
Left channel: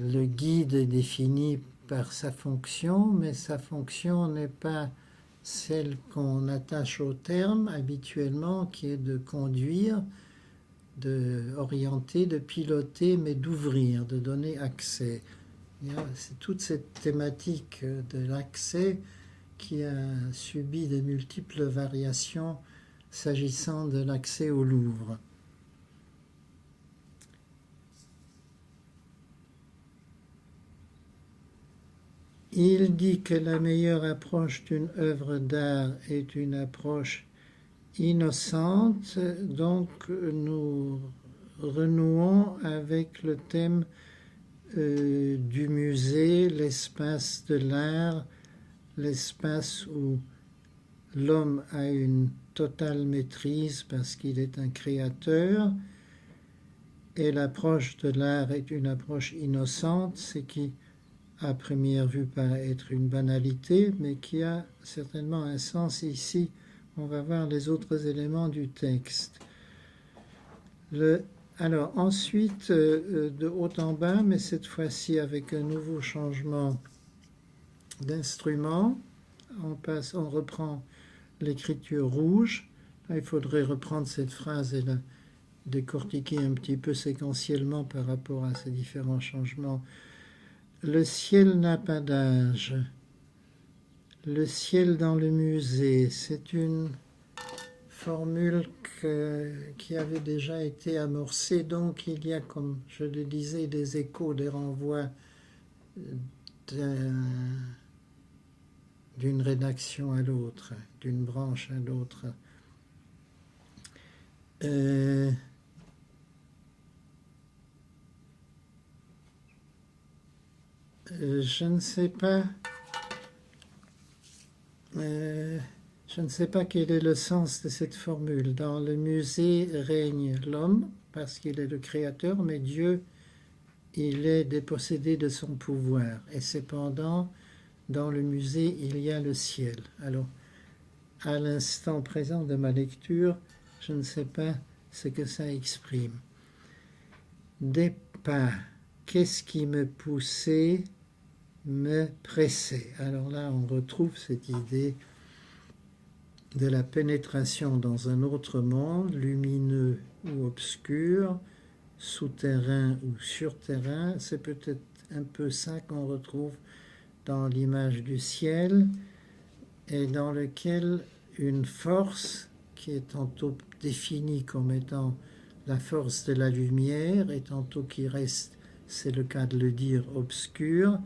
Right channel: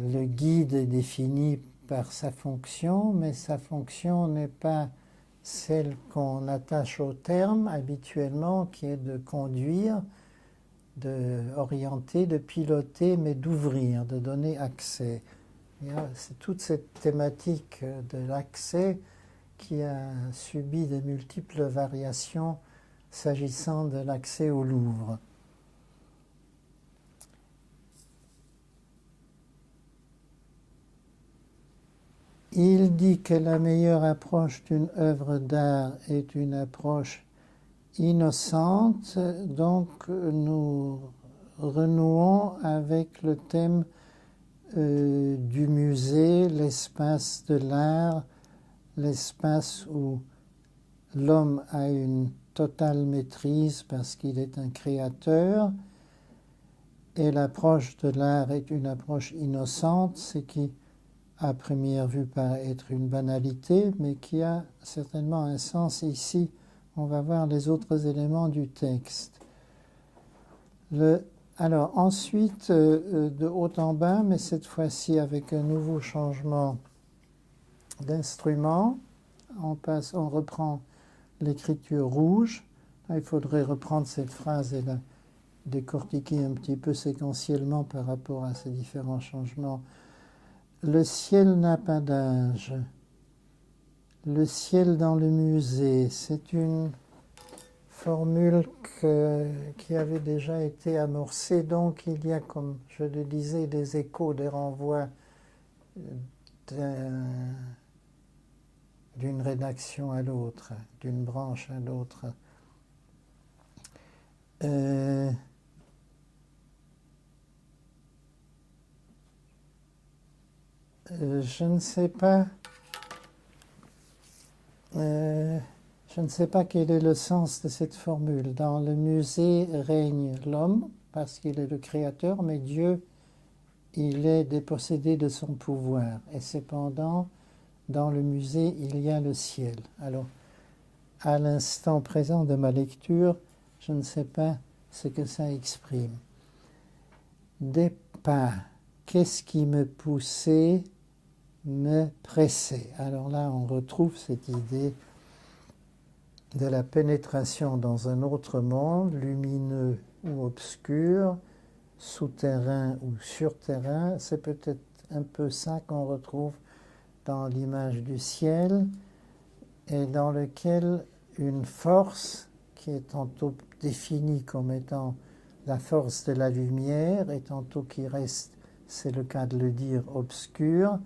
Le guide est défini par sa fonction, mais sa fonction n'est pas celle qu'on attache au terme habituellement, qui est de conduire, d'orienter, de piloter, mais d'ouvrir, de donner accès. C'est toute cette thématique de l'accès qui a subi de multiples variations s'agissant de l'accès au Louvre. Il dit que la meilleure approche d'une œuvre d'art est une approche innocente, donc nous renouons avec le thème du musée, l'espace de l'art, l'espace où l'homme a une totale maîtrise parce qu'il est un créateur, et l'approche de l'art est une approche innocente, ce qui à première vue paraît être une banalité, mais qui a certainement un sens ici. On va voir les autres éléments du texte. Alors ensuite, de haut en bas, mais cette fois-ci avec un nouveau changement d'instrument, on reprend l'écriture rouge. Là, il faudrait reprendre cette phrase et la décortiquer un petit peu séquentiellement par rapport à ces différents changements. Le ciel n'a pas d'âge. Le ciel dans le musée, c'est une formule qui avait déjà été amorcée, donc il y a, comme je le disais, des échos, des renvois d'une rédaction à l'autre, d'une branche à l'autre. Je ne sais pas quel est le sens de cette formule. Dans le musée règne l'homme, parce qu'il est le créateur, mais Dieu, il est dépossédé de son pouvoir. Et cependant, dans le musée, il y a le ciel. Alors, à l'instant présent de ma lecture, je ne sais pas ce que ça exprime. Des pas, qu'est-ce qui me poussait, me pressait. Alors là, on retrouve cette idée de la pénétration dans un autre monde, lumineux ou obscur, souterrain ou surterrain. C'est peut-être un peu ça qu'on retrouve dans l'image du ciel, et dans lequel une force qui est tantôt définie comme étant la force de la lumière, et tantôt qui reste, c'est le cas de le dire, obscure,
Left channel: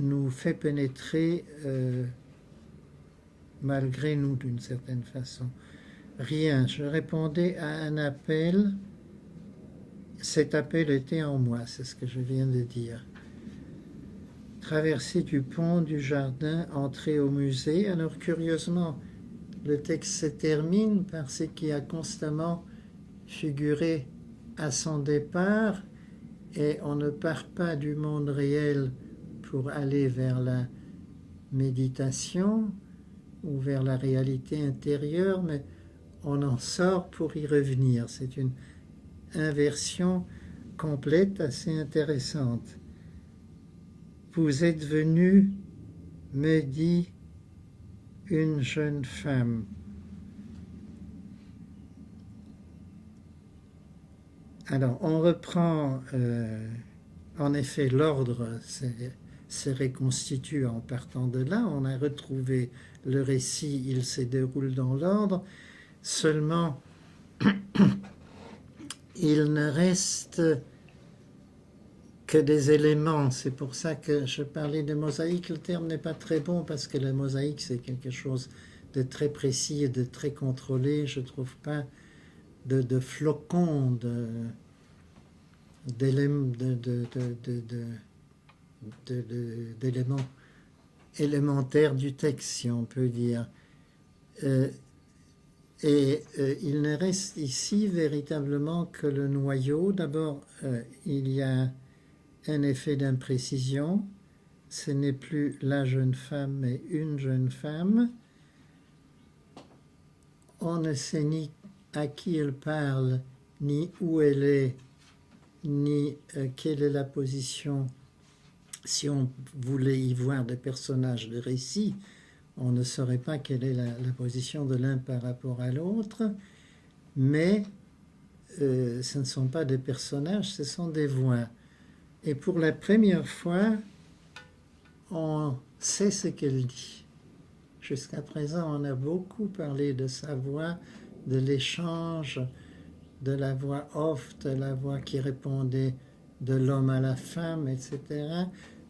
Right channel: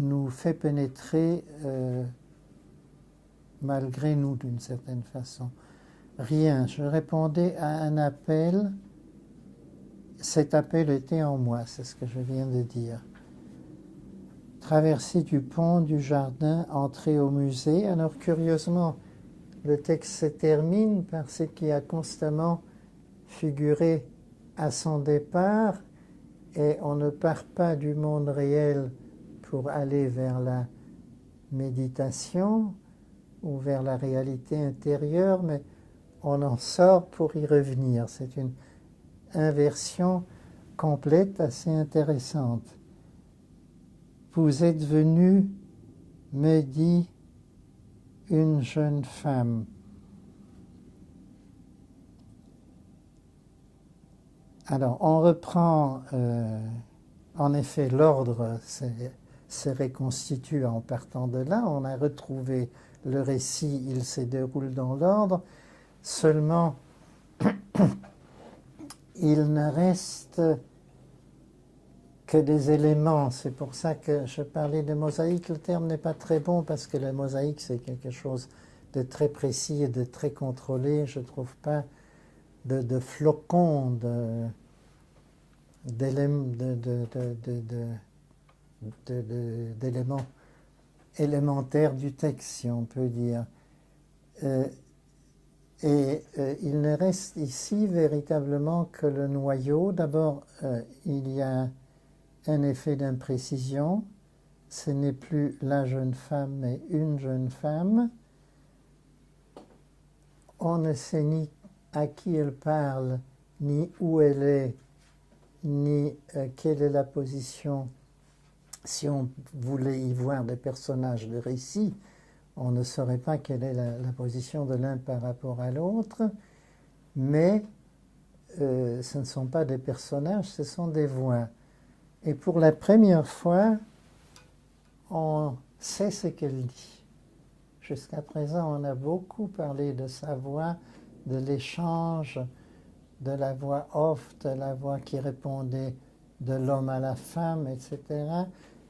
nous fait pénétrer malgré nous d'une certaine façon. Rien, je répondais à un appel, cet appel était en moi, c'est ce que je viens de dire. Traversée du pont, du jardin, entrée au musée. Alors curieusement, le texte se termine par ce qui a constamment figuré à son départ, et on ne part pas du monde réel pour aller vers la méditation ou vers la réalité intérieure, mais on en sort pour y revenir. C'est une inversion complète assez intéressante. Vous êtes venu, me dit une jeune femme. Alors, on reprend, en effet, l'ordre se reconstitue en partant de là. On a retrouvé le récit, il se déroule dans l'ordre. Seulement, il ne reste que des éléments. C'est pour ça que je parlais de mosaïque. Le terme n'est pas très bon parce que la mosaïque, c'est quelque chose de très précis et de très contrôlé. Je ne trouve pas de flocons d'éléments élémentaires du texte, si on peut dire. Il ne reste ici véritablement que le noyau. D'abord, il y a un effet d'imprécision. Ce n'est plus la jeune femme, mais une jeune femme. On ne sait ni à qui elle parle, ni où elle est, ni quelle est la position. Si on voulait y voir des personnages de récit, on ne saurait pas quelle est la position de l'un par rapport à l'autre, mais ce ne sont pas des personnages, ce sont des voix. Et pour la première fois, on sait ce qu'elle dit. Jusqu'à présent, on a beaucoup parlé de sa voix, de l'échange, de la voix off, de la voix qui répondait de l'homme à la femme, etc.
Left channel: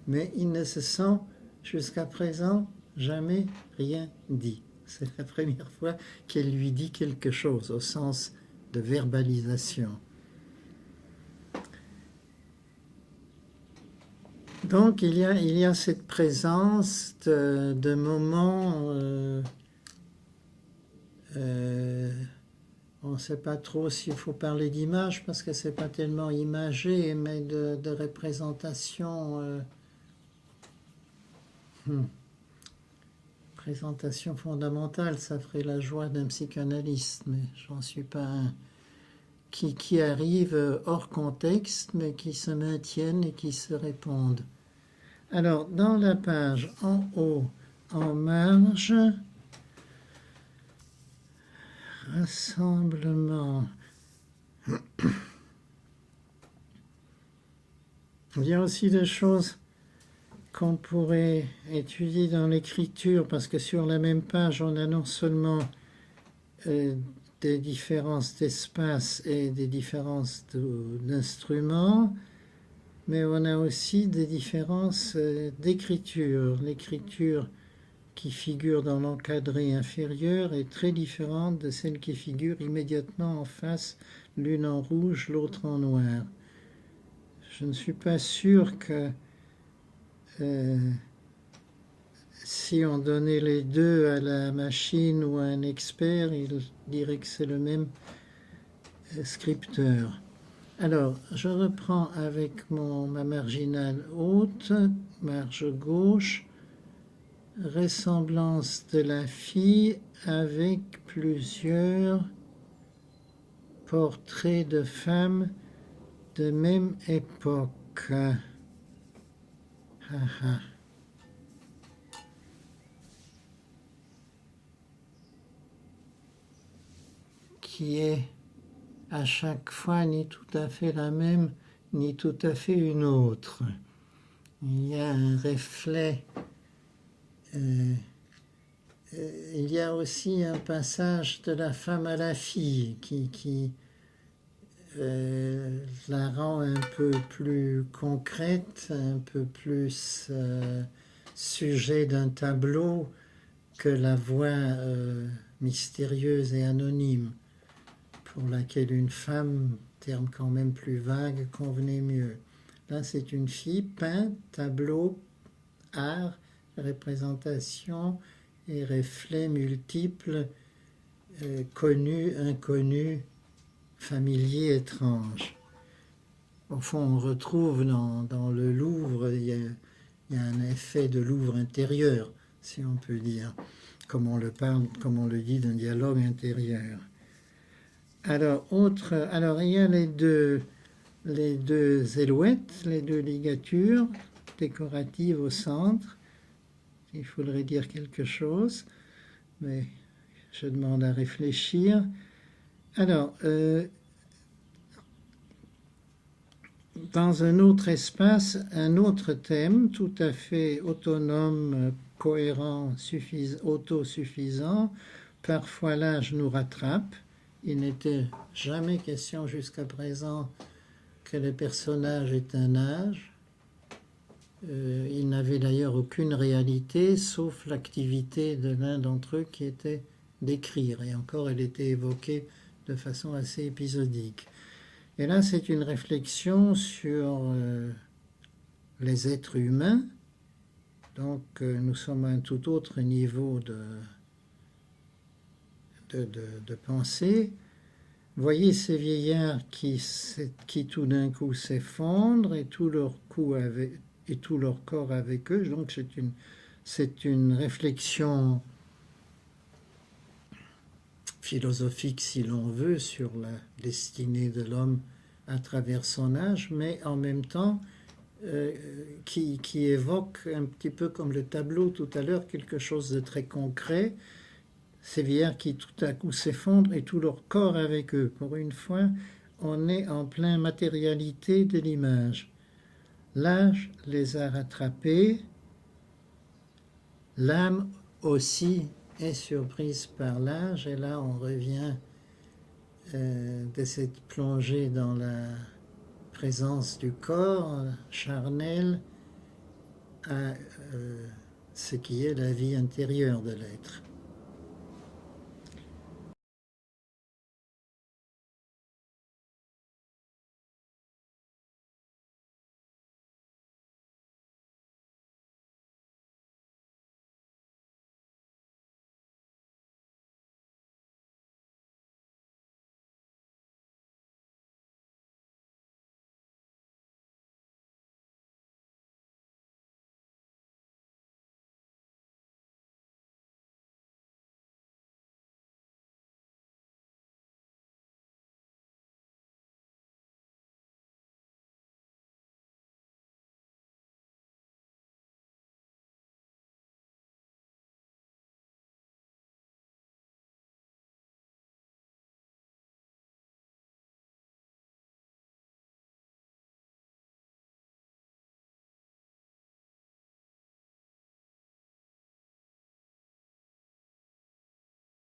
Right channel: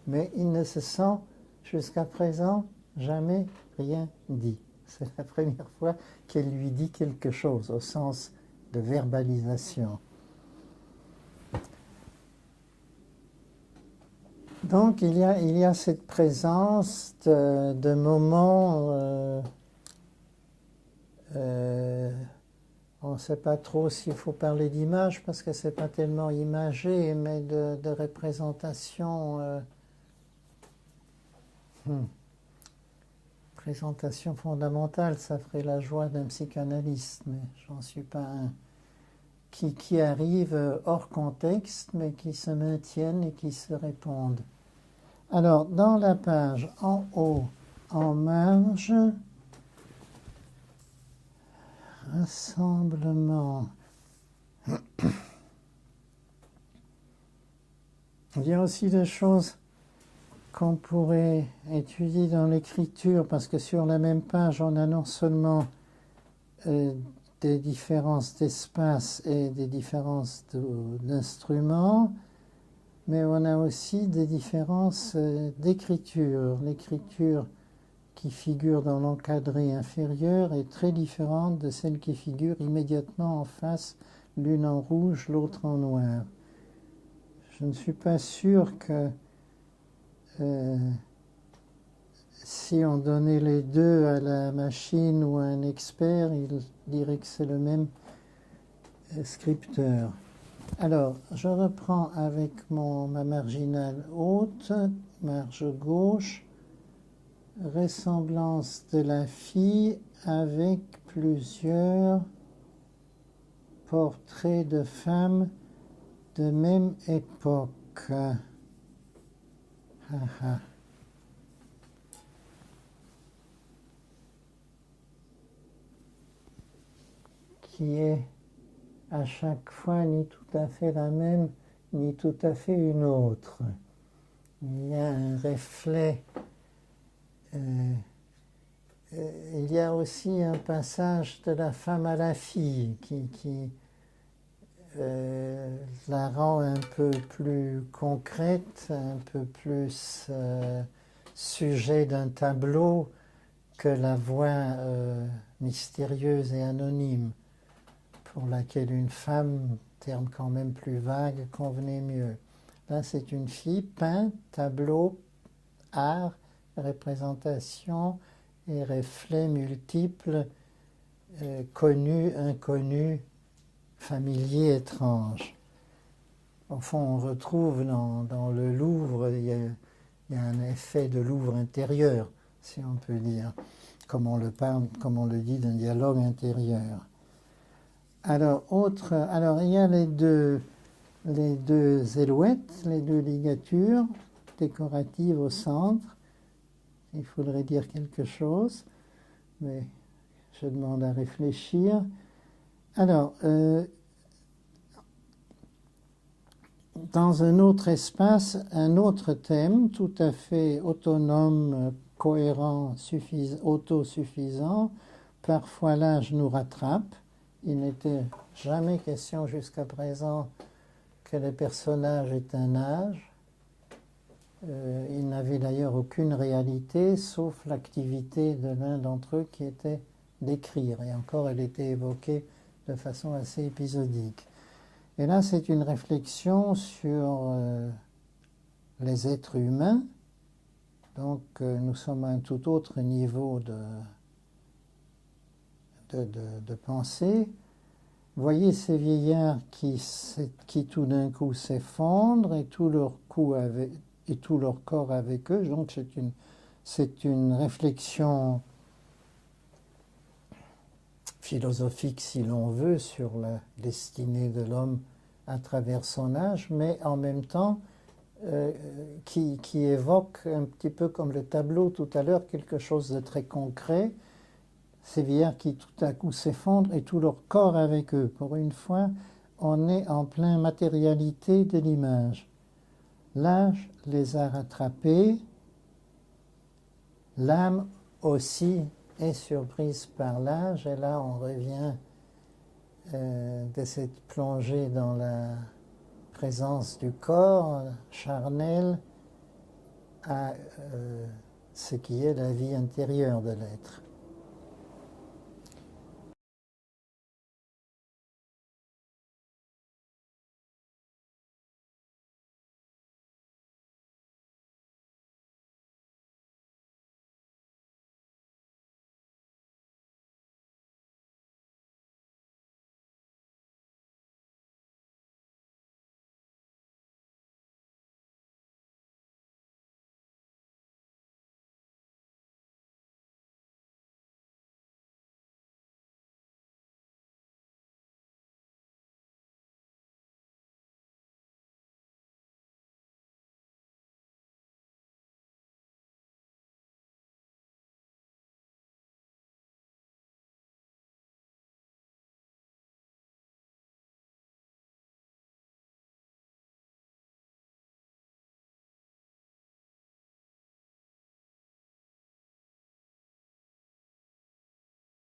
Mais il ne se sent, jusqu'à présent, jamais rien dit. C'est la première fois qu'elle lui dit quelque chose, au sens de verbalisation. Donc il y a cette présence de moments, on ne sait pas trop s'il faut parler d'image parce que c'est pas tellement imagé, mais de représentation, présentation fondamentale, ça ferait la joie d'un psychanalyste, mais j'en suis pas un. Qui arrivent hors contexte, mais qui se maintiennent et qui se répondent. Alors, dans la page en haut, en marge, rassemblement. Il y a aussi des choses qu'on pourrait étudier dans l'écriture, parce que sur la même page, on a non seulement des différences d'espace et des différences d'instruments, mais on a aussi des différences d'écriture. L'écriture qui figure dans l'encadré inférieur est très différente de celle qui figure immédiatement en face, l'une en rouge, l'autre en noir. Je ne suis pas sûr que si on donnait les deux à la machine ou à un expert, il dirait que c'est le même scripteur. Alors, je reprends avec ma marginale haute, marge gauche, ressemblance de la fille avec plusieurs portraits de femmes de même époque. Qui est à chaque fois ni tout à fait la même, ni tout à fait une autre. Il y a un reflet. Il y a aussi un passage de la femme à la fille qui la rend un peu plus concrète, un peu plus sujet d'un tableau que la voix mystérieuse et anonyme, pour laquelle une femme, terme quand même plus vague, convenait mieux. Là, c'est une fille, peinte, tableau, art, représentation et reflets multiples, connus, inconnus, familiers, étranges. Au fond, on retrouve dans le Louvre, il y a il y a un effet de Louvre intérieur, si on peut dire, comme on le parle, comme on le dit, d'un dialogue intérieur. Alors, il y a les deux alouettes, les deux ligatures décoratives au centre. Il faudrait dire quelque chose, mais je demande à réfléchir. Alors, dans un autre espace, un autre thème tout à fait autonome, cohérent, autosuffisant. Parfois l'âge nous rattrape. Il n'était jamais question jusqu'à présent que les personnages aient un âge. Ils n'avaient d'ailleurs aucune réalité, sauf l'activité de l'un d'entre eux qui était d'écrire. Et encore, elle était évoquée de façon assez épisodique. Et là, c'est une réflexion sur les êtres humains. Donc, nous sommes à un tout autre niveau de pensée. Voyez ces vieillards qui tout d'un coup s'effondrent et tout leur corps avec eux. Donc, c'est une réflexion philosophique, si l'on veut, sur la destinée de l'homme à travers son âge, mais en même temps qui évoque un petit peu comme le tableau tout à l'heure, quelque chose de très concret. Ces vieillards qui tout à coup s'effondrent et tout leur corps avec eux. Pour une fois, on est en plein matérialité de l'image. L'âge les a rattrapés, l'âme aussi est surprise par l'âge, et là on revient de cette plongée dans la présence du corps charnel à ce qui est la vie intérieure de l'être.